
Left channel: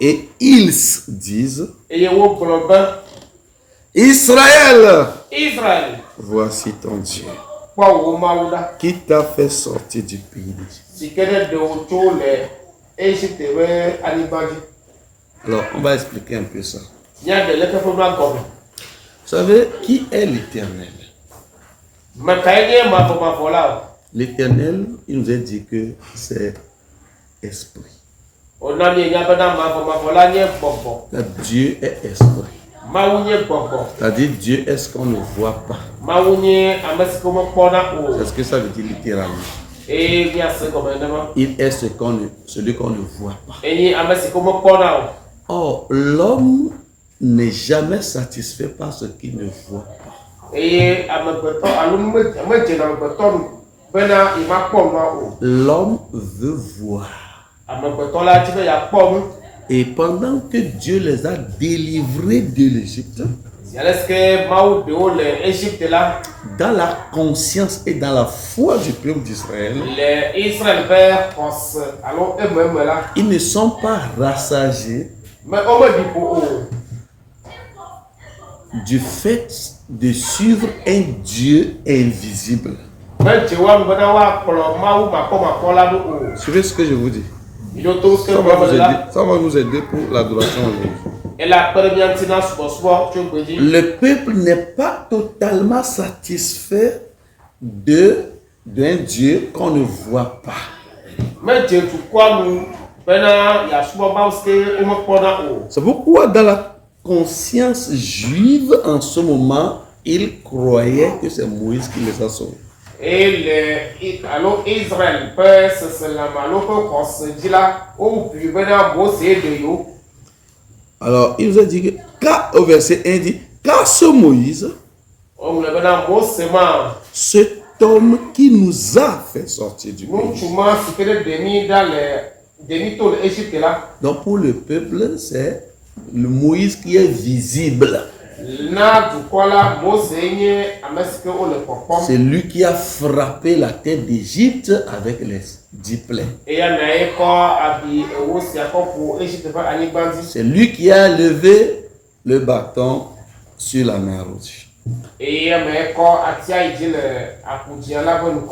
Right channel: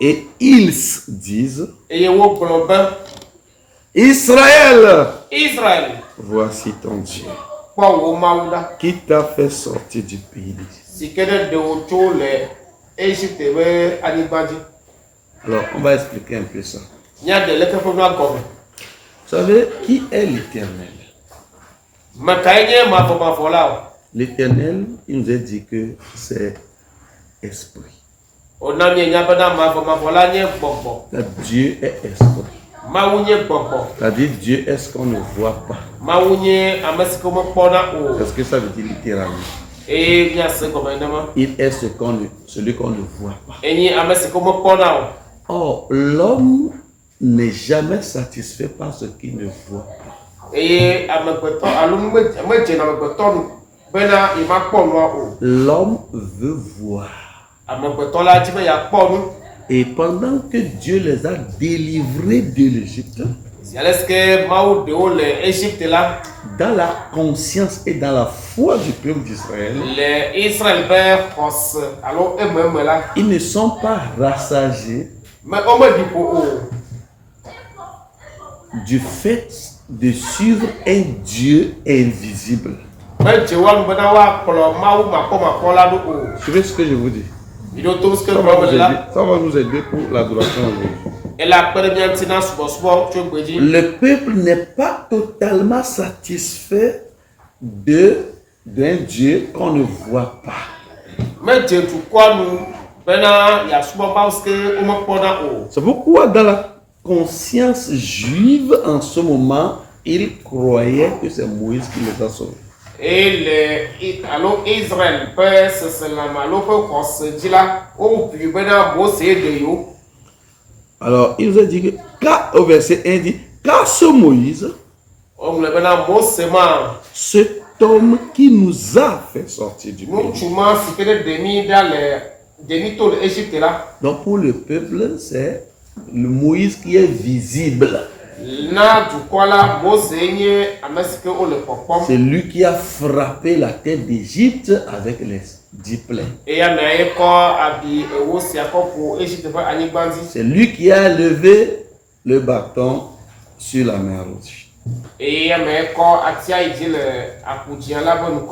Et ils disent, Israël, voici ton Dieu, qui t'a fait sortir du pays d'Égypte. Alors, on va expliquer un peu ça. Vous savez, qui est l'Éternel? L'Éternel, il nous a dit que c'est esprit. Dieu est esprit. C'est-à-dire Dieu est ce qu'on ne voit pas. C'est ce que ça veut dire littéralement. Il est celui qu'on ne voit pas. Or, l'homme n'est jamais satisfait par ce qu'il ne voit pas. L'homme veut voir. Et pendant que Dieu les a délivrés de l'Égypte, dans la conscience et dans la foi du peuple d'Israël, ils ne sont pas rassasiés du fait de suivre un Dieu invisible. Suivez ce que je vous dis. Ça va nous aider pour l'adoration aujourd'hui. Le peuple n'est pas totalement satisfait d'un Dieu qu'on ne voit pas. C'est pourquoi dans la conscience juive en ce moment, ils croyaient que c'est Moïse qui les a sauvés. Alors, il nous a dit que, au verset 1, dit, car ce Moïse, cet homme qui nous a fait sortir du pays. Donc, pour le peuple, c'est le Moïse qui est visible. C'est lui qui a frappé la terre d'Égypte avec les 10 plaies. C'est lui qui a levé le bâton sur la mer Rouge.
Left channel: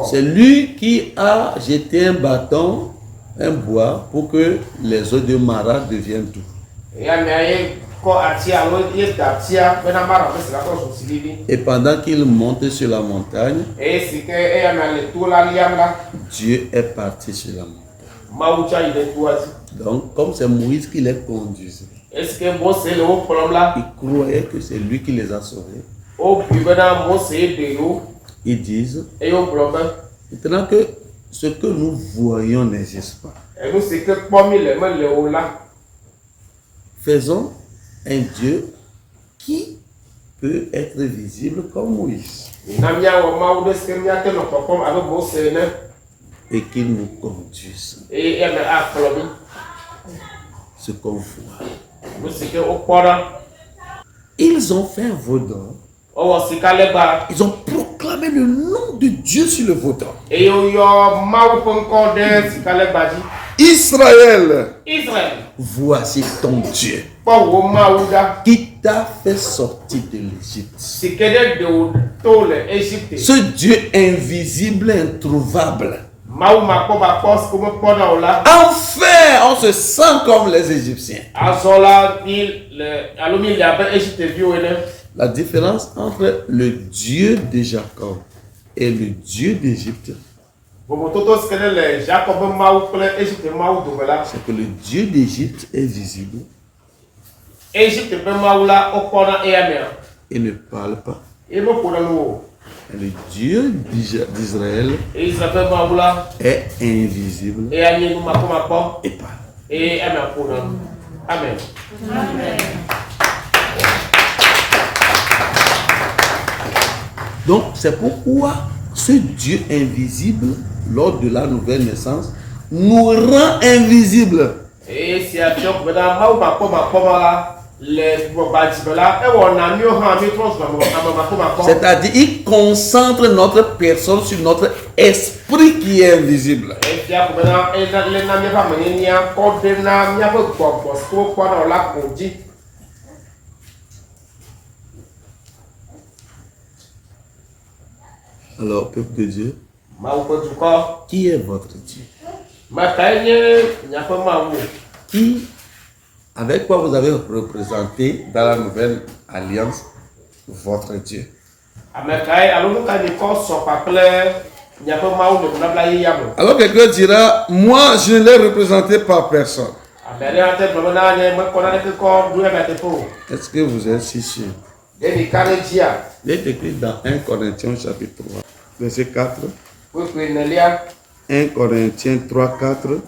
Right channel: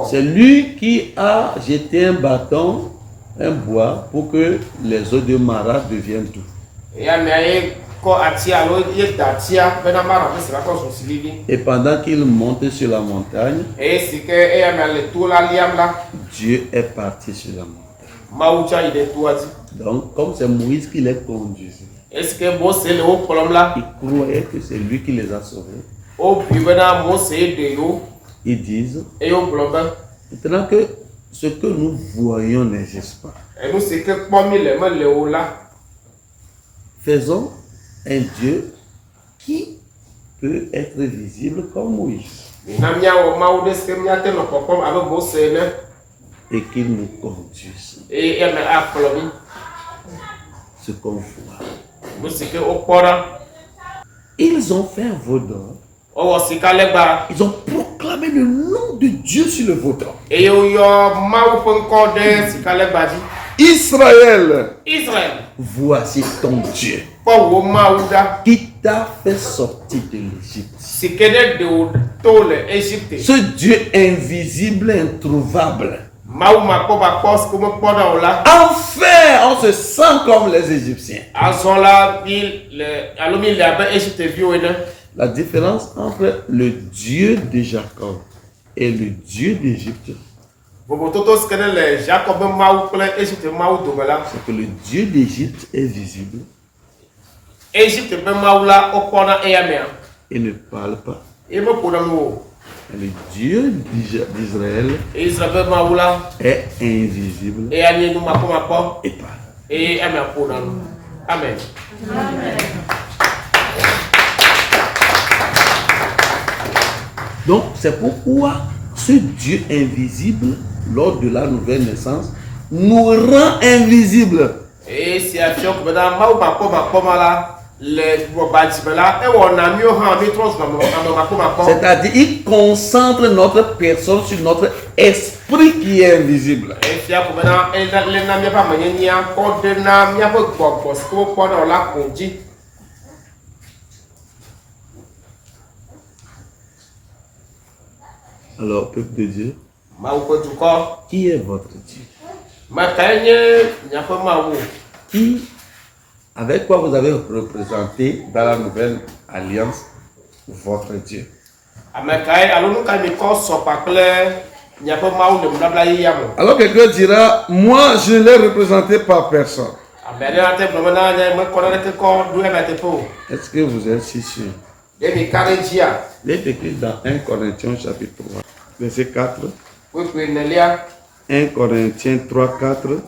C'est lui qui a jeté un bâton, un bois, pour que les eaux de Mara deviennent tout. Et pendant qu'il monte sur la montagne, Dieu est parti sur la montagne. Donc, comme c'est Moïse qui les conduisait, il croyait que c'est lui qui les a sauvés. Ils disent, maintenant que ce que nous voyons n'existe pas, faisons un Dieu qui peut être visible comme Moïse et qu'il nous conduise ce qu'on voit. Ils ont fait un veau d'or. Ils ont proclamé le nom de Dieu sur le veau d'or. Et yo mawu ƒe ŋkɔ ɖe sikalegba dzi. Israël, Israël, voici ton Dieu kpɔ wo mawu ɖa. qui t'a fait sortir de l'Égypte. Si ke ɖe ɖe wo to le Égypte. Ce Dieu invisible, introuvable. Mawu makpɔbakpɔ si ke mekpɔ ɖa o la. Enfin, on se sent comme les Égyptiens. Azɔ la mi le abe Égypteviwo ene. La différence entre le Dieu de Jacob et le Dieu d'Égypte, Vovototo si ke ɖe le Jacob ƒe mawu kple Égypte mawu dome la. c'est que le Dieu d'Égypte est visible Égypte ƒe mawu la wokpɔna eya mea. et ne parle pas. Ye meƒona nu o. Le Dieu d'Israël Israël ƒe mawu la. est invisible Eya nye nu makpɔmakpɔ. et parle. Eye eme ƒona nu. Amen. Donc, c'est pourquoi ce Dieu invisible, lors de la nouvelle naissance, nous rend invisibles. Eye sia fiɔ ko bena mawu makpɔmakpɔ ma la le gbɔgbadzime la ewɔna miwo hã míetrɔ zua ame makpɔmakpɔ. C'est-à-dire, il concentre notre personne sur notre esprit qui est invisible. Efia ko bena lena míaƒe amenyenia kɔ ɖe na míaƒe gbɔgbɔ si ke wokpɔna o la ko dzi. Alors, peuple de Dieu, Mawu ƒe dukɔ. qui est votre Dieu? Mekae nye miaƒe mawu. Qui, avec quoi vous avez représenté dans la nouvelle alliance votre Dieu? Amekae alo nu ka mi kɔ sɔ kpakple miaƒe mawu le nubabla yeyea me. Alors quelqu'un dira, moi je ne l'ai représenté par personne. Ame aɖe ate gblɔ bena ne mekɔ naneke kɔ ɖo ebe teƒe o. Est-ce que vous êtes si sûr? Ye mi ka ɖe dzia. Il est écrit dans 1 Corinthiens chapitre 3, verset 4. Kpekpe nelia. 1 Corinthiens 3, 4.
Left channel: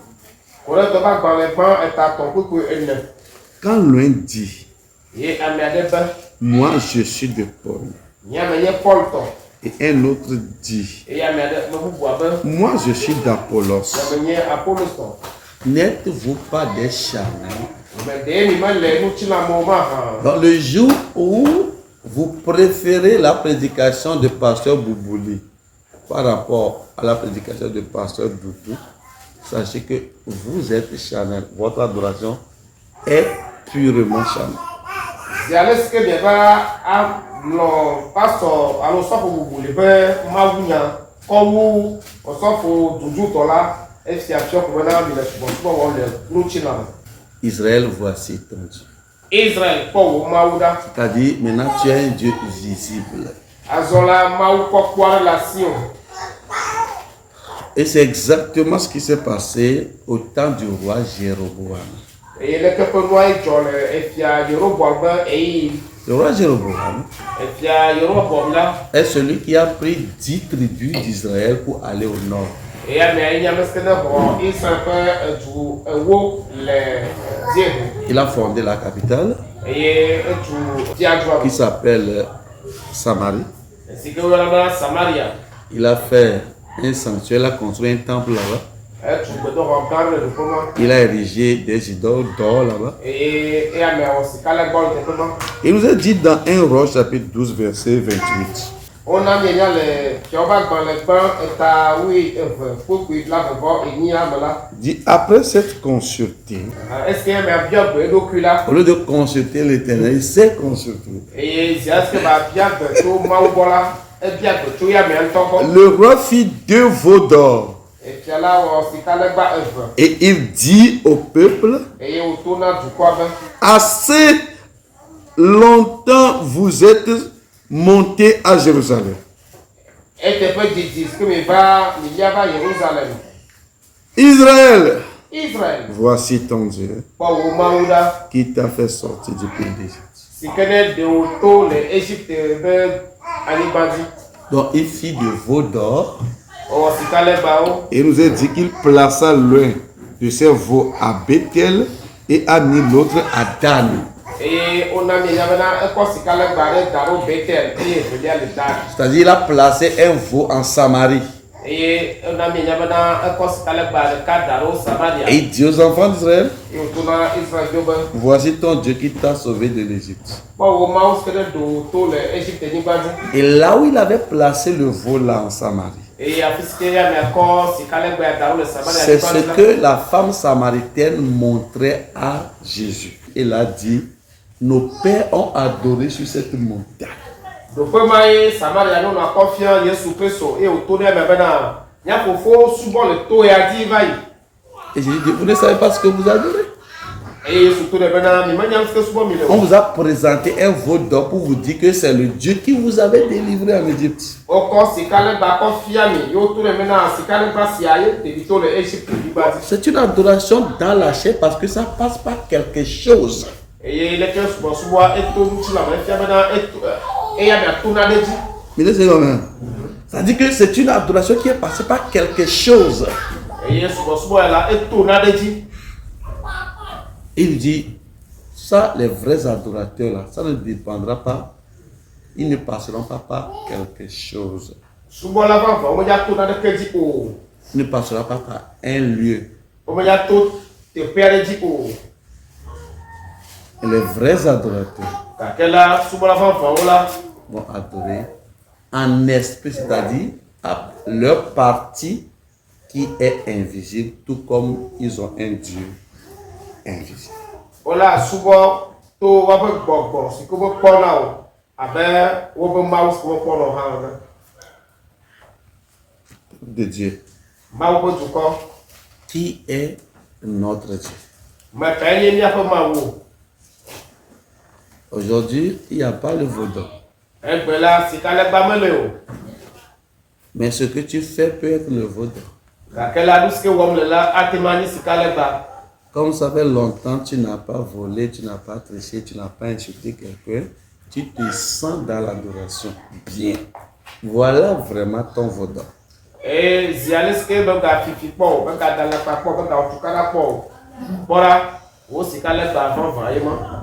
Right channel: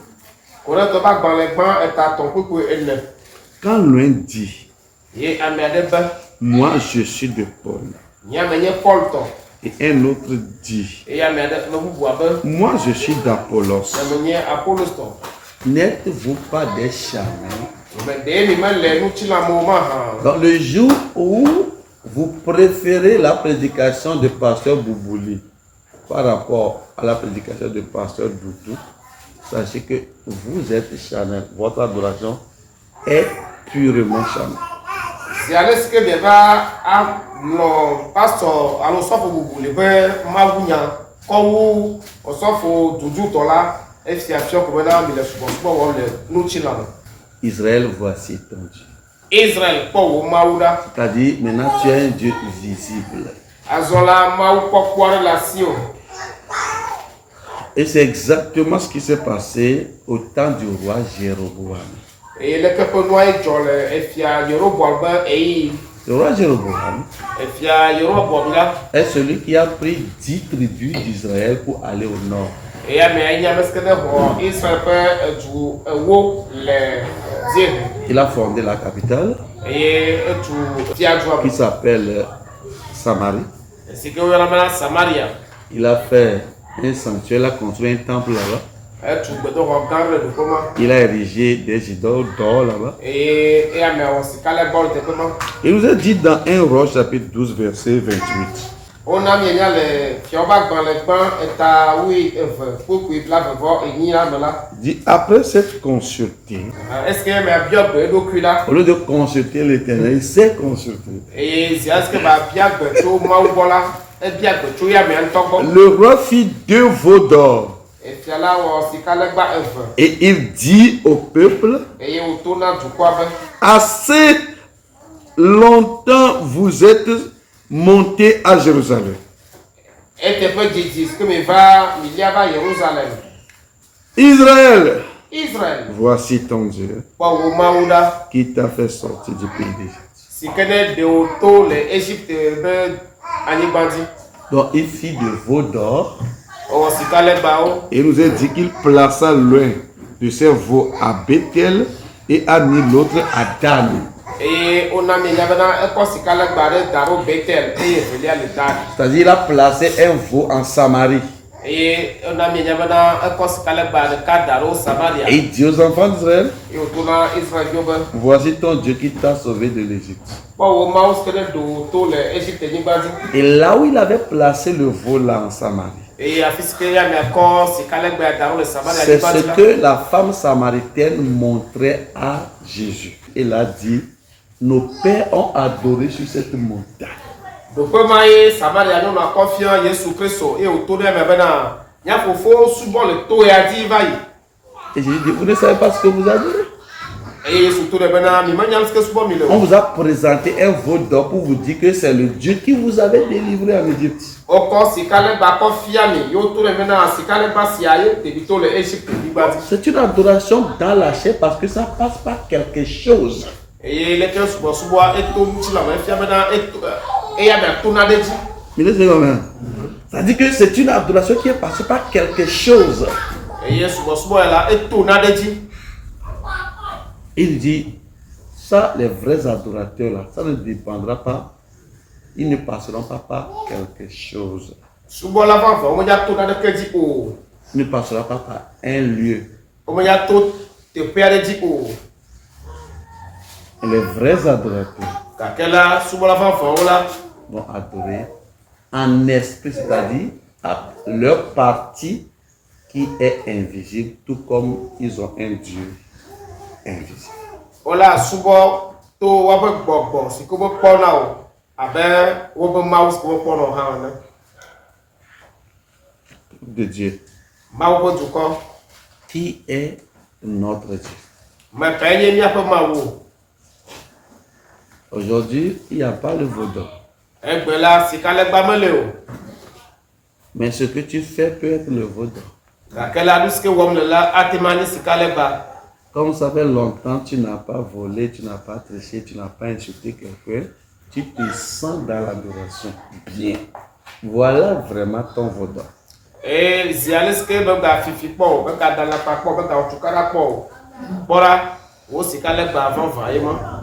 Korinto ƒe agbalẽ gbã etatɔ̃ kpekpe ene. Quand l'un dit, Ye ame aɖe be. moi je suis de Paul, Nyame nye Paul tɔ. et un autre dit, Eye ame aɖe me bubua be. moi je suis d'Apollos, Nyame nye Apollos tɔ. n'êtes-vous pas des charnels? Me ɖe mi mele ŋutilãmewo ma hã. Dans le jour où vous préférez la prédication de pasteur Boubouli par rapport à la prédication de pasteur Doudou, sachez que vous êtes charnel. Votre adoration est purement charnel. Si ale si ke mieva anɔ pastor alo sɔfo Bubuli ƒe mawunya kɔwu ɔsɔfo Dudutɔ la esia fiɔ ko bena mi le subɔsubɔ wɔm le ŋutilãme. Israël, voici ton Dieu. Israël kpɔ wo mawu ɖa. C'est-à-dire, maintenant tu es un Dieu visible. Azɔ la mawu kpɔkpɔ aɖe le asi o. Et c'est exactement ce qui s'est passé au temps du roi Jéroboam. Eye leke ƒe nua ye dzɔ le efia Yeroboam ƒe eyi. Le roi Jéroboam Efia Yeroboam la. est celui qui a pris 10 tribus d'Israël pour aller au nord. Eye amea nye ame si ke ne xɔ Israel ƒe edu ewo le dziehe. Il a fondé la capitale Eye etu fiadua qui s'appelle Samarie. si ke woyɔna bena Samaria. Il a fait un sanctuaire, il a construit un temple là-bas. Etu gbedoxɔ gã le teƒe ma. Il a érigé des idoles d'or là-bas. Eye amea wɔ sika le gbɔ le teƒe ma. Il nous est dit dans 1 Roi chapitre 12 verset 28. Wona mienya le fiawo ƒe agbalẽ gbã eta wui eve kpekpe blavevɔ enyi la me la. Dit après cette consulté, Est-ce que amea biɔ gbe eɖokui la. au lieu de consulter l'Éternel, il s'est consulté. Eye zi est-ce que ba bia gbe tso mawu gbɔ la ebia gbe tso ya amea ŋutɔ gbɔ. Le roi fit 2 veaux d'or Efia la wɔ sika legba eve. et il dit au peuple, Eye wòto na dukɔa be. assez longtemps vous êtes montés à Jérusalem. Eteƒe dzidzi si ke mi lia va Yerusalem. Israël, Israël voici ton Dieu kpɔ wo mawu ɖa. qui t'a fait sortir du pays d'Égypte. Si ke ne ɖe wo to le Égypte ƒe anyigba dzi. Donc il fit de veaux d'or Ewɔ sika legbawo. et il nous a dit qu'il plaça l'un de ces veaux à Bethel et a mis l'autre à Dan. Eye wona mienya bena ekɔ sika legba ɖe da ɖo Betel eye evelia le Dan. C'est-à-dire il a placé un veau en Samarie. Et on a mis un cos calaba de cadre au Samaria. Et il dit aux enfants d'Israël, Et au tournant Israël, voici ton Dieu qui t'a sauvé de l'Égypte. au mouse que de tout l'Égypte n'y base. Et là où il avait placé le veau là en Samarie, Et il a fait ce qu'il y a, mais encore, c'est calaba dans le Samaria. c'est ce que la femme samaritaine montrait à Jésus. Elle a dit, nos pères ont adoré sur cette montagne. Donc, comme Samaria, nous avons confiance Jésus Christ et au tour de maintenant, il y a faut souvent le taux et a dit, vaille. Et Jésus dit, vous ne savez pas ce que vous adorez. Et surtout de maintenant, On vous a présenté un veau d'or pour vous dire que c'est le Dieu qui vous avait délivré en Égypte. C'est une adoration dans la chair parce que ça passe par quelque chose. Mais c'est comment? Ça dit que c'est une adoration qui est passée par quelque chose. Il dit, ça, les vrais adorateurs là, ça ne dépendra pas, ils ne passeront pas par quelque chose. Ils ne passera pas par un lieu. Et les vrais adorateurs vont adorer en esprit, c'est-à-dire à leur partie qui est invisible, tout comme ils ont un Dieu invisible. De Dieu. Qui est notre Dieu? Aujourd'hui, il n'y a pas le veau d'or. Mais ce que tu fais peut être le veau d'or. Comme ça fait longtemps, tu n'as pas volé, tu n'as pas triché, tu n'as pas insulté quelqu'un, tu te sens dans l'adoration. Bien. Voilà vraiment ton veau d'or.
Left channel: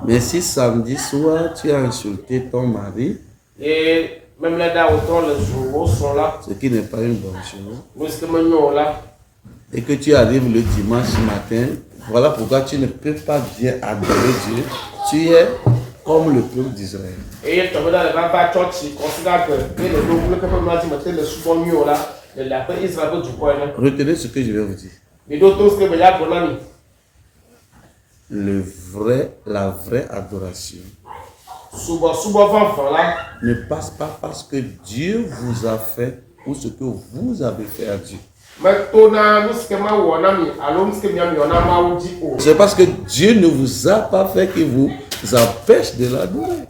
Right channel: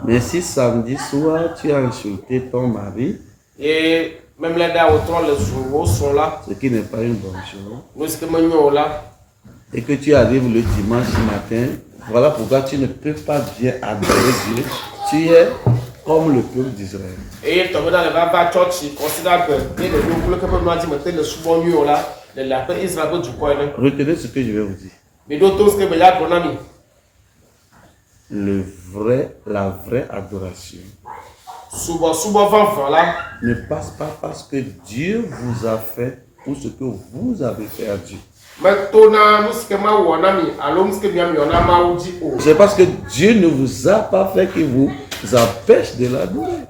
Mais si samedi soir, tu as insulté ton mari, ce qui n'est pas une bonne chose, et que tu arrives le dimanche matin, voilà pourquoi tu ne peux pas bien adorer Dieu. Tu es comme le peuple d'Israël. Retenez ce que je vais vous dire. La vraie adoration ne passe pas parce que Dieu vous a fait ou ce que vous avez fait à Dieu. C'est parce que Dieu ne vous a pas fait qu'il vous empêche de l'adorer.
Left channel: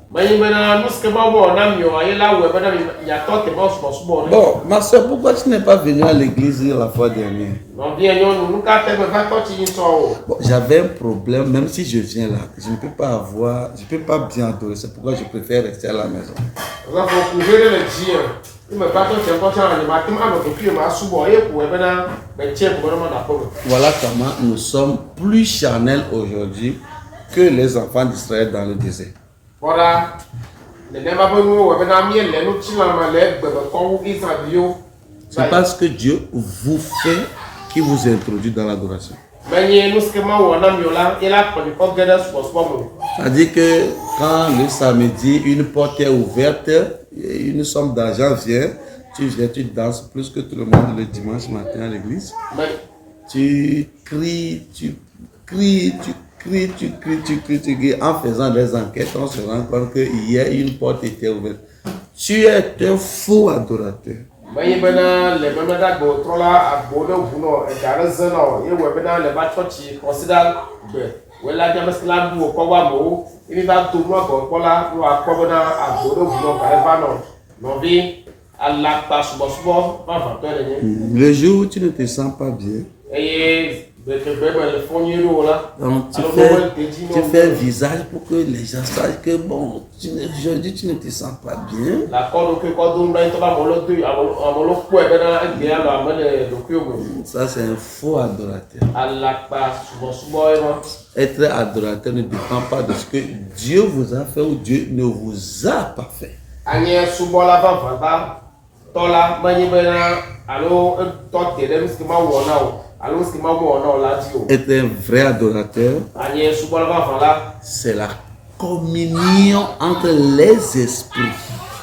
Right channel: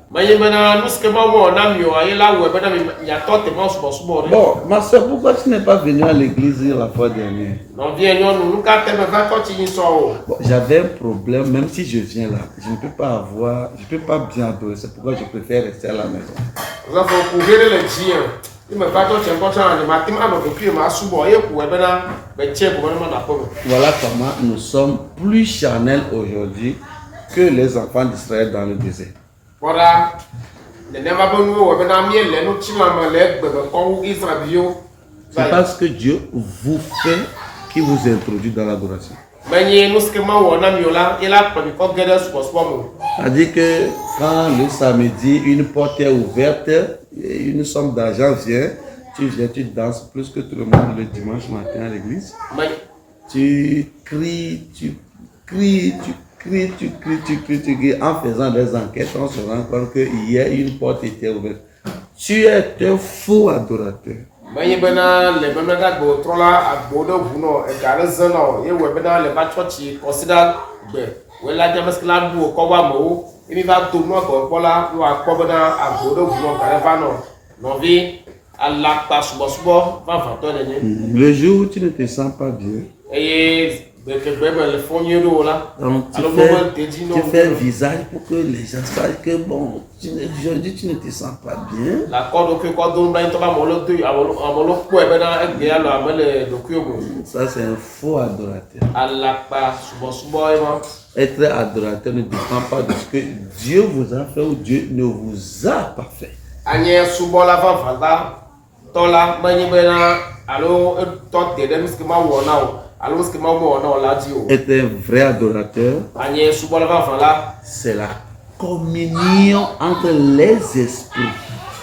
Bon, ma soeur, pourquoi tu n'es pas venue à l'église la fois dernière? Bon, j'avais un problème, même si je viens là, je ne peux pas bien adorer, c'est pourquoi je préfère rester à la maison. Voilà comment nous sommes plus charnels aujourd'hui que les enfants d'Israël dans le désert. C'est parce que Dieu vous fait qui vous introduit dans l'adoration. C'est-à-dire que quand le samedi, une porte est ouverte, une somme d'argent vient, tu viens, tu danses plus que tout le monde le dimanche matin à l'église. Tu cries. En faisant des enquêtes, on se rend compte que hier, une porte était ouverte. Tu es un faux adorateur. Le jour où tu ne te sens pas bien, donc tu fais un visage pour que les gens sachent que bon, aujourd'hui tu ne te sens pas bien. Ça c'est un faux adorateur. Être adorateur ne dépend pas de ce que Dieu vous a fait ou Dieu ne vous a pas fait. Tola, Manibena, allo, Tote, dem schema wona, allo schema wona, la dio. Être un vrai adorateur, Agnès Subolva, voilà. c'est la communion entre les esprits.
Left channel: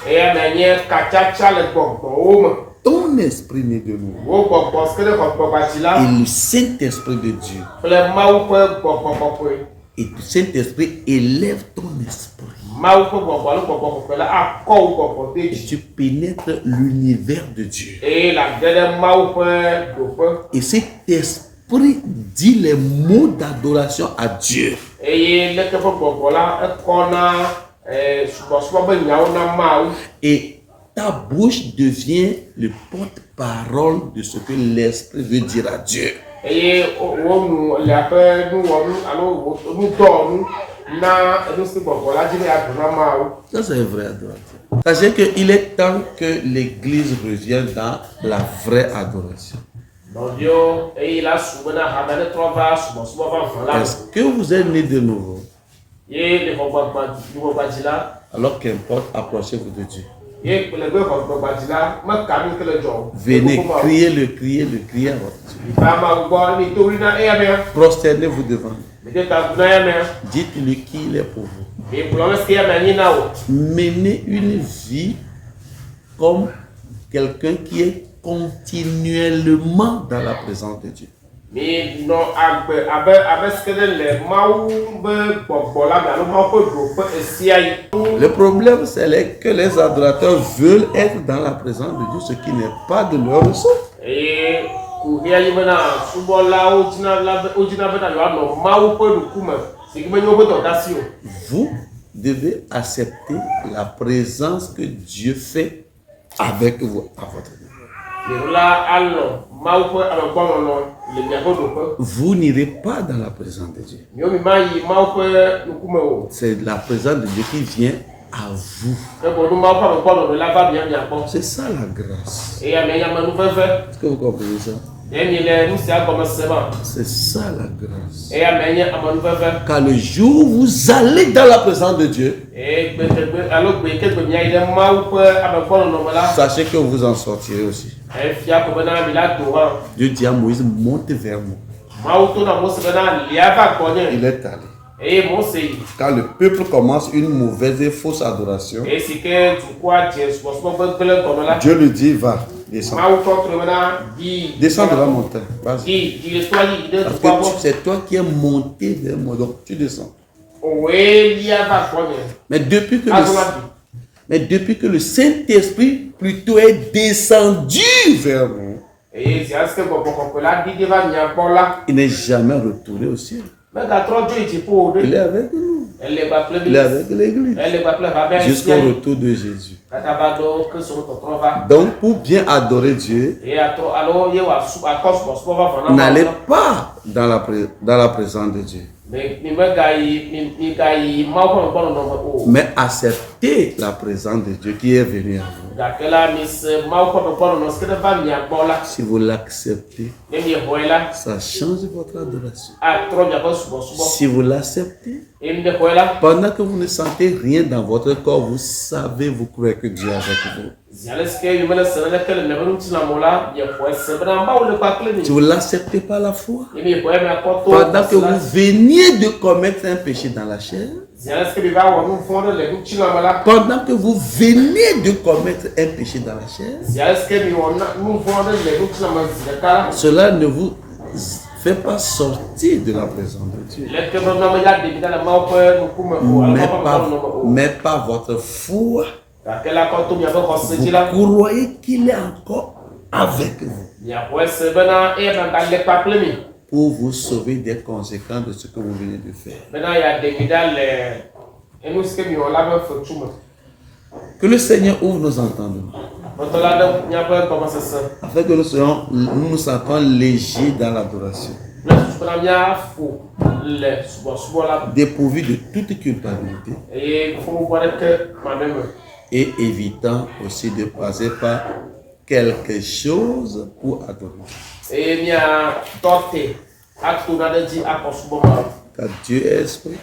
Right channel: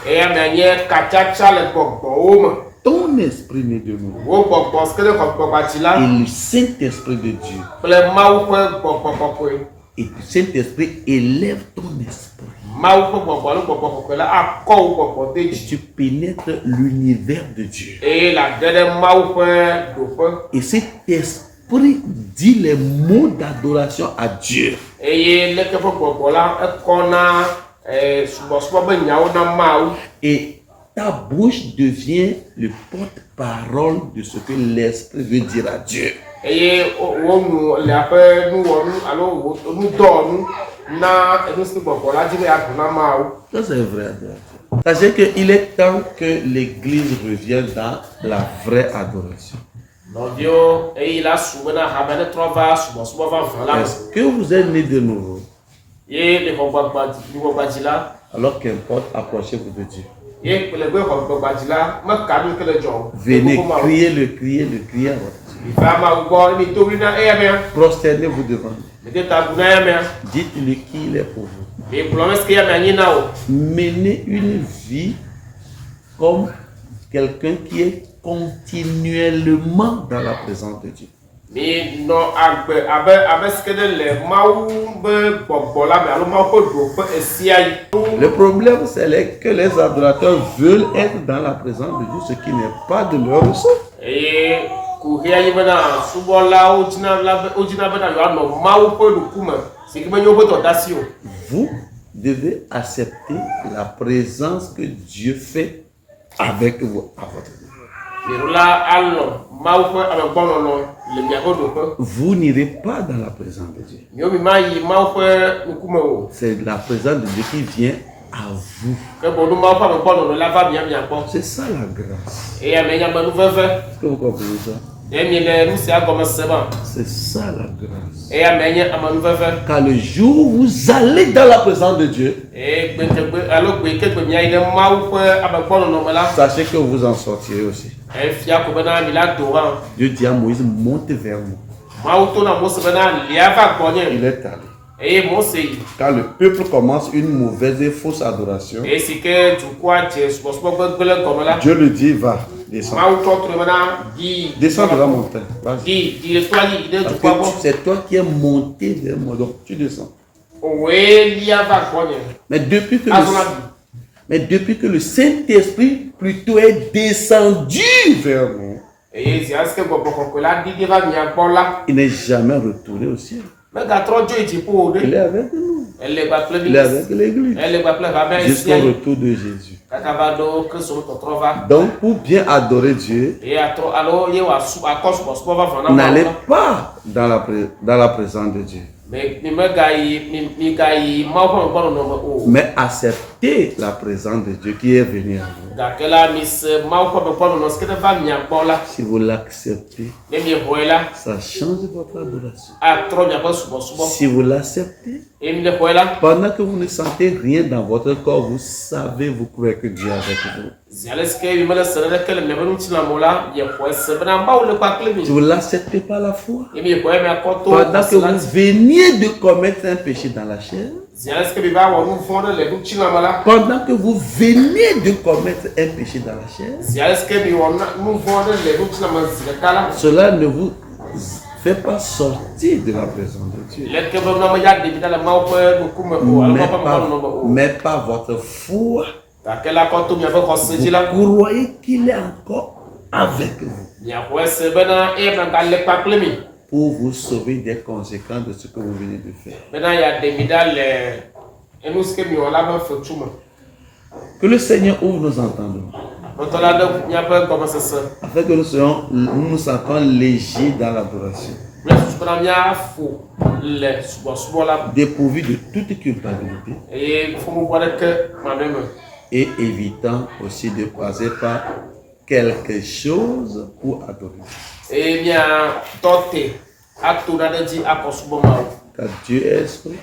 Et à manière Kachacha, le Pogbo, Ton esprit né de nous au Pogbo, ce que le Pogbatila, et le Saint-Esprit de Dieu. le Mao Pogbo. Et le Saint-Esprit élève ton esprit. Et tu pénètres l'univers de Dieu. Et cet esprit dit les mots d'adoration à Dieu. Et ta bouche devient le porte-parole de ce que l'esprit veut dire à Dieu. Ça, c'est un vrai adorateur. Sachez qu'il est temps que l'Église revienne dans la vraie adoration. Est-ce que vous êtes né de nouveau? Alors qu'importe, approchez-vous de Dieu. Venez, criez à votre Dieu. Prosternez-vous devant lui. Dites-lui qui il est pour vous. Menez une vie comme quelqu'un qui est continuellement dans la présence de Dieu. Le problème, c'est que les adorateurs veulent être dans la présence de Dieu, ce qui n'est pas de leur ressort. Vous devez accepter la présence que Dieu fait avec vous à votre niveau. Vous n'irez pas dans la présence de Dieu. C'est la présence de Dieu qui vient à vous. C'est ça la grâce. Est-ce que vous comprenez ça? C'est ça la grâce. Car le jour où vous allez dans la présence de Dieu, sachez que vous en sortirez aussi. Dieu dit à Moïse, monte vers moi. Il est allé. Quand le peuple commence une mauvaise et fausse adoration, Dieu lui dit, va, descends. Descends de la montagne. Vas-y. Parce que c'est toi qui es monté vers moi, donc tu descends. Mais depuis que le Saint-Esprit plutôt est descendu vers nous, il n'est jamais retourné au ciel. Il est avec nous. Il est avec l'Église. Jusqu'au retour de Jésus. Donc, pour bien adorer Dieu, n'allez pas dans la présence de Dieu. Mais acceptez la présence de Dieu qui est venue à vous. Si vous l'acceptez, ça change votre adoration. Si vous l'acceptez, pendant que vous ne sentez rien dans votre corps, vous savez, vous croyez que Dieu est avec vous. Si vous l'acceptez par la foi, pendant que vous veniez de commettre un péché dans la chair, pendant que vous veniez de commettre un péché dans la chair, cela ne vous fait pas sortir de la présence de Dieu. Mais pas votre foi. Vous croyez qu'il est encore avec vous pour vous sauver des conséquences de ce que vous venez de faire. Que le Seigneur ouvre nos entendements afin que nous nous sentons légers dans l'adoration, dépourvus de toute culpabilité et évitant aussi de passer par quelque chose pour adorer. Car Dieu est esprit.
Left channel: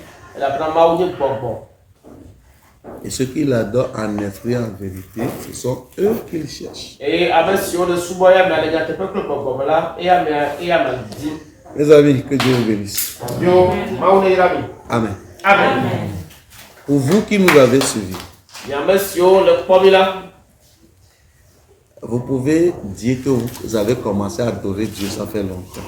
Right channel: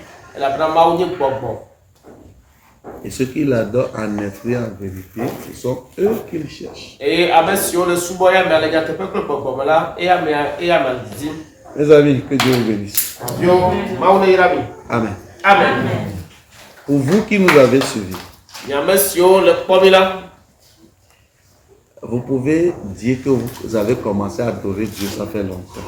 Et ceux qui l'adorent en esprit et en vérité, ce sont eux qu'ils cherchent. Et avec sur le sous-boya, mais les gens qui peuvent là, et à dit. Mes amis, que Dieu vous bénisse. Amen. Amen. Pour vous qui nous avez suivis, vous pouvez dire que vous avez commencé à adorer Dieu, ça fait longtemps.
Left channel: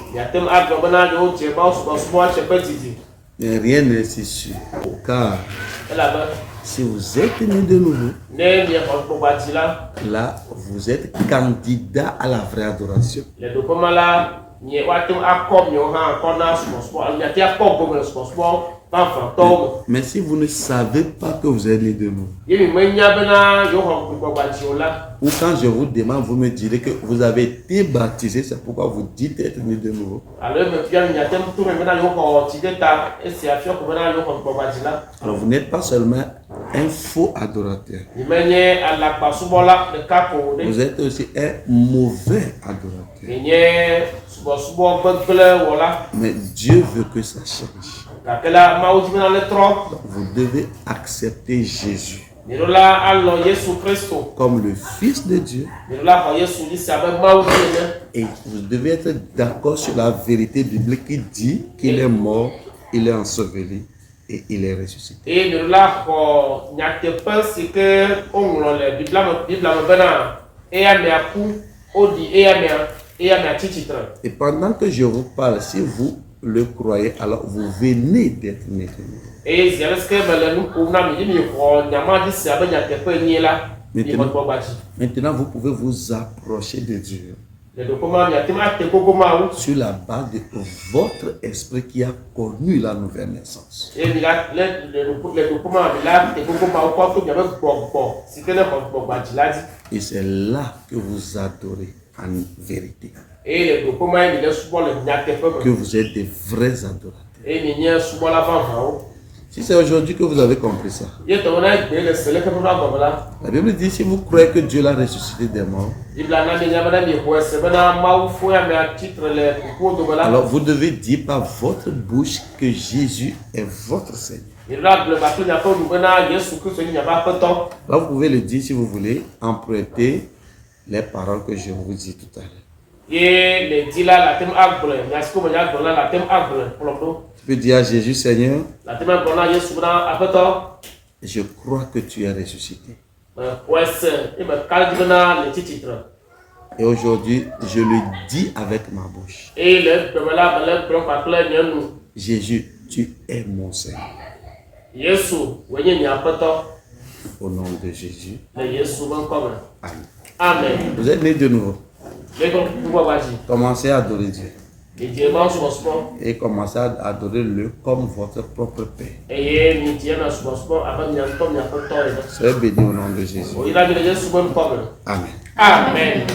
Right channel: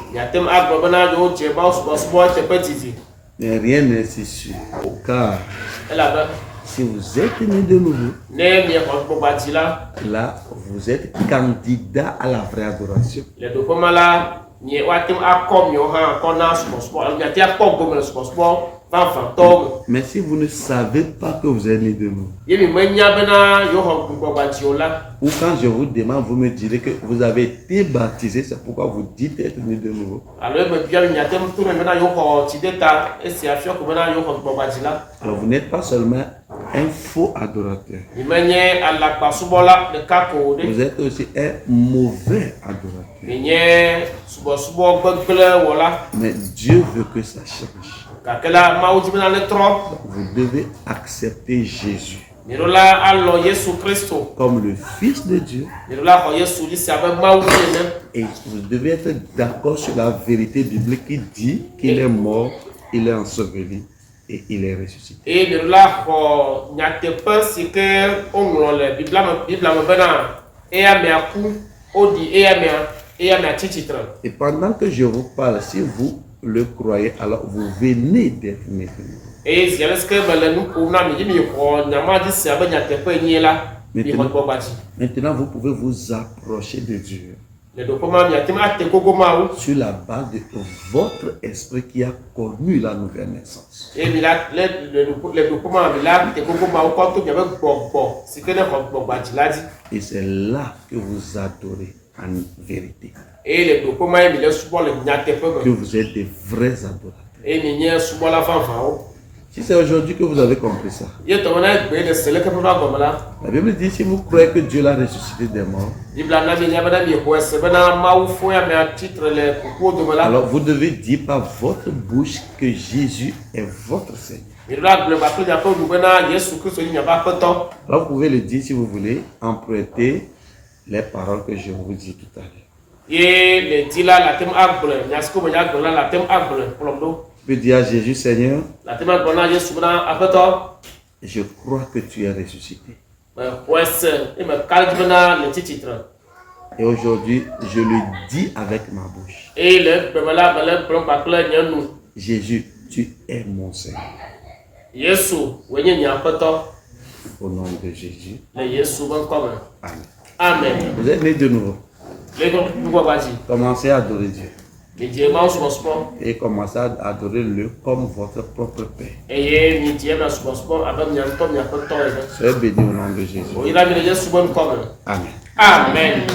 Mais rien n'est si sûr. Car si vous êtes né de nouveau, là, vous êtes candidat à la vraie adoration. Mais si vous ne savez pas que vous êtes né de nouveau, ou quand je vous demande, vous me direz que vous avez été baptisé, c'est pourquoi vous dites être né de nouveau. Alors vous n'êtes pas seulement un faux adorateur. Vous êtes aussi un mauvais adorateur. Mais Dieu veut que ça change. Donc, vous devez accepter Jésus comme le Fils de Dieu. Et vous devez être d'accord sur la vérité biblique qui dit qu'il est mort, il est enseveli et il est ressuscité. Et pendant que je vous parle, si vous le croyez, alors vous venez d'être né de nouveau. Maintenant, vous pouvez vous approcher de Dieu sur la base de votre esprit qui a connu la nouvelle naissance. Et c'est là que vous adorez en vérité. Que vous êtes des vrais adorateurs. Si c'est aujourd'hui que vous avez compris ça, la Bible dit si vous croyez que Dieu l'a ressuscité des morts, alors vous devez dire par votre bouche que Jésus est votre Seigneur. Alors vous pouvez le dire si vous voulez, emprunter les paroles que je vous dis tout à l'heure. Tu peux dire à Jésus, Seigneur, je crois que tu es ressuscité. Et aujourd'hui, je le dis avec ma bouche. Jésus, tu es mon Seigneur. Au nom de Jésus. Amen. Amen. Vous êtes né de nouveau. Commencez à adorer Dieu. Et commencez à adorer-le comme votre propre Père. Soyez bénis au nom de Jésus. Amen. Amen.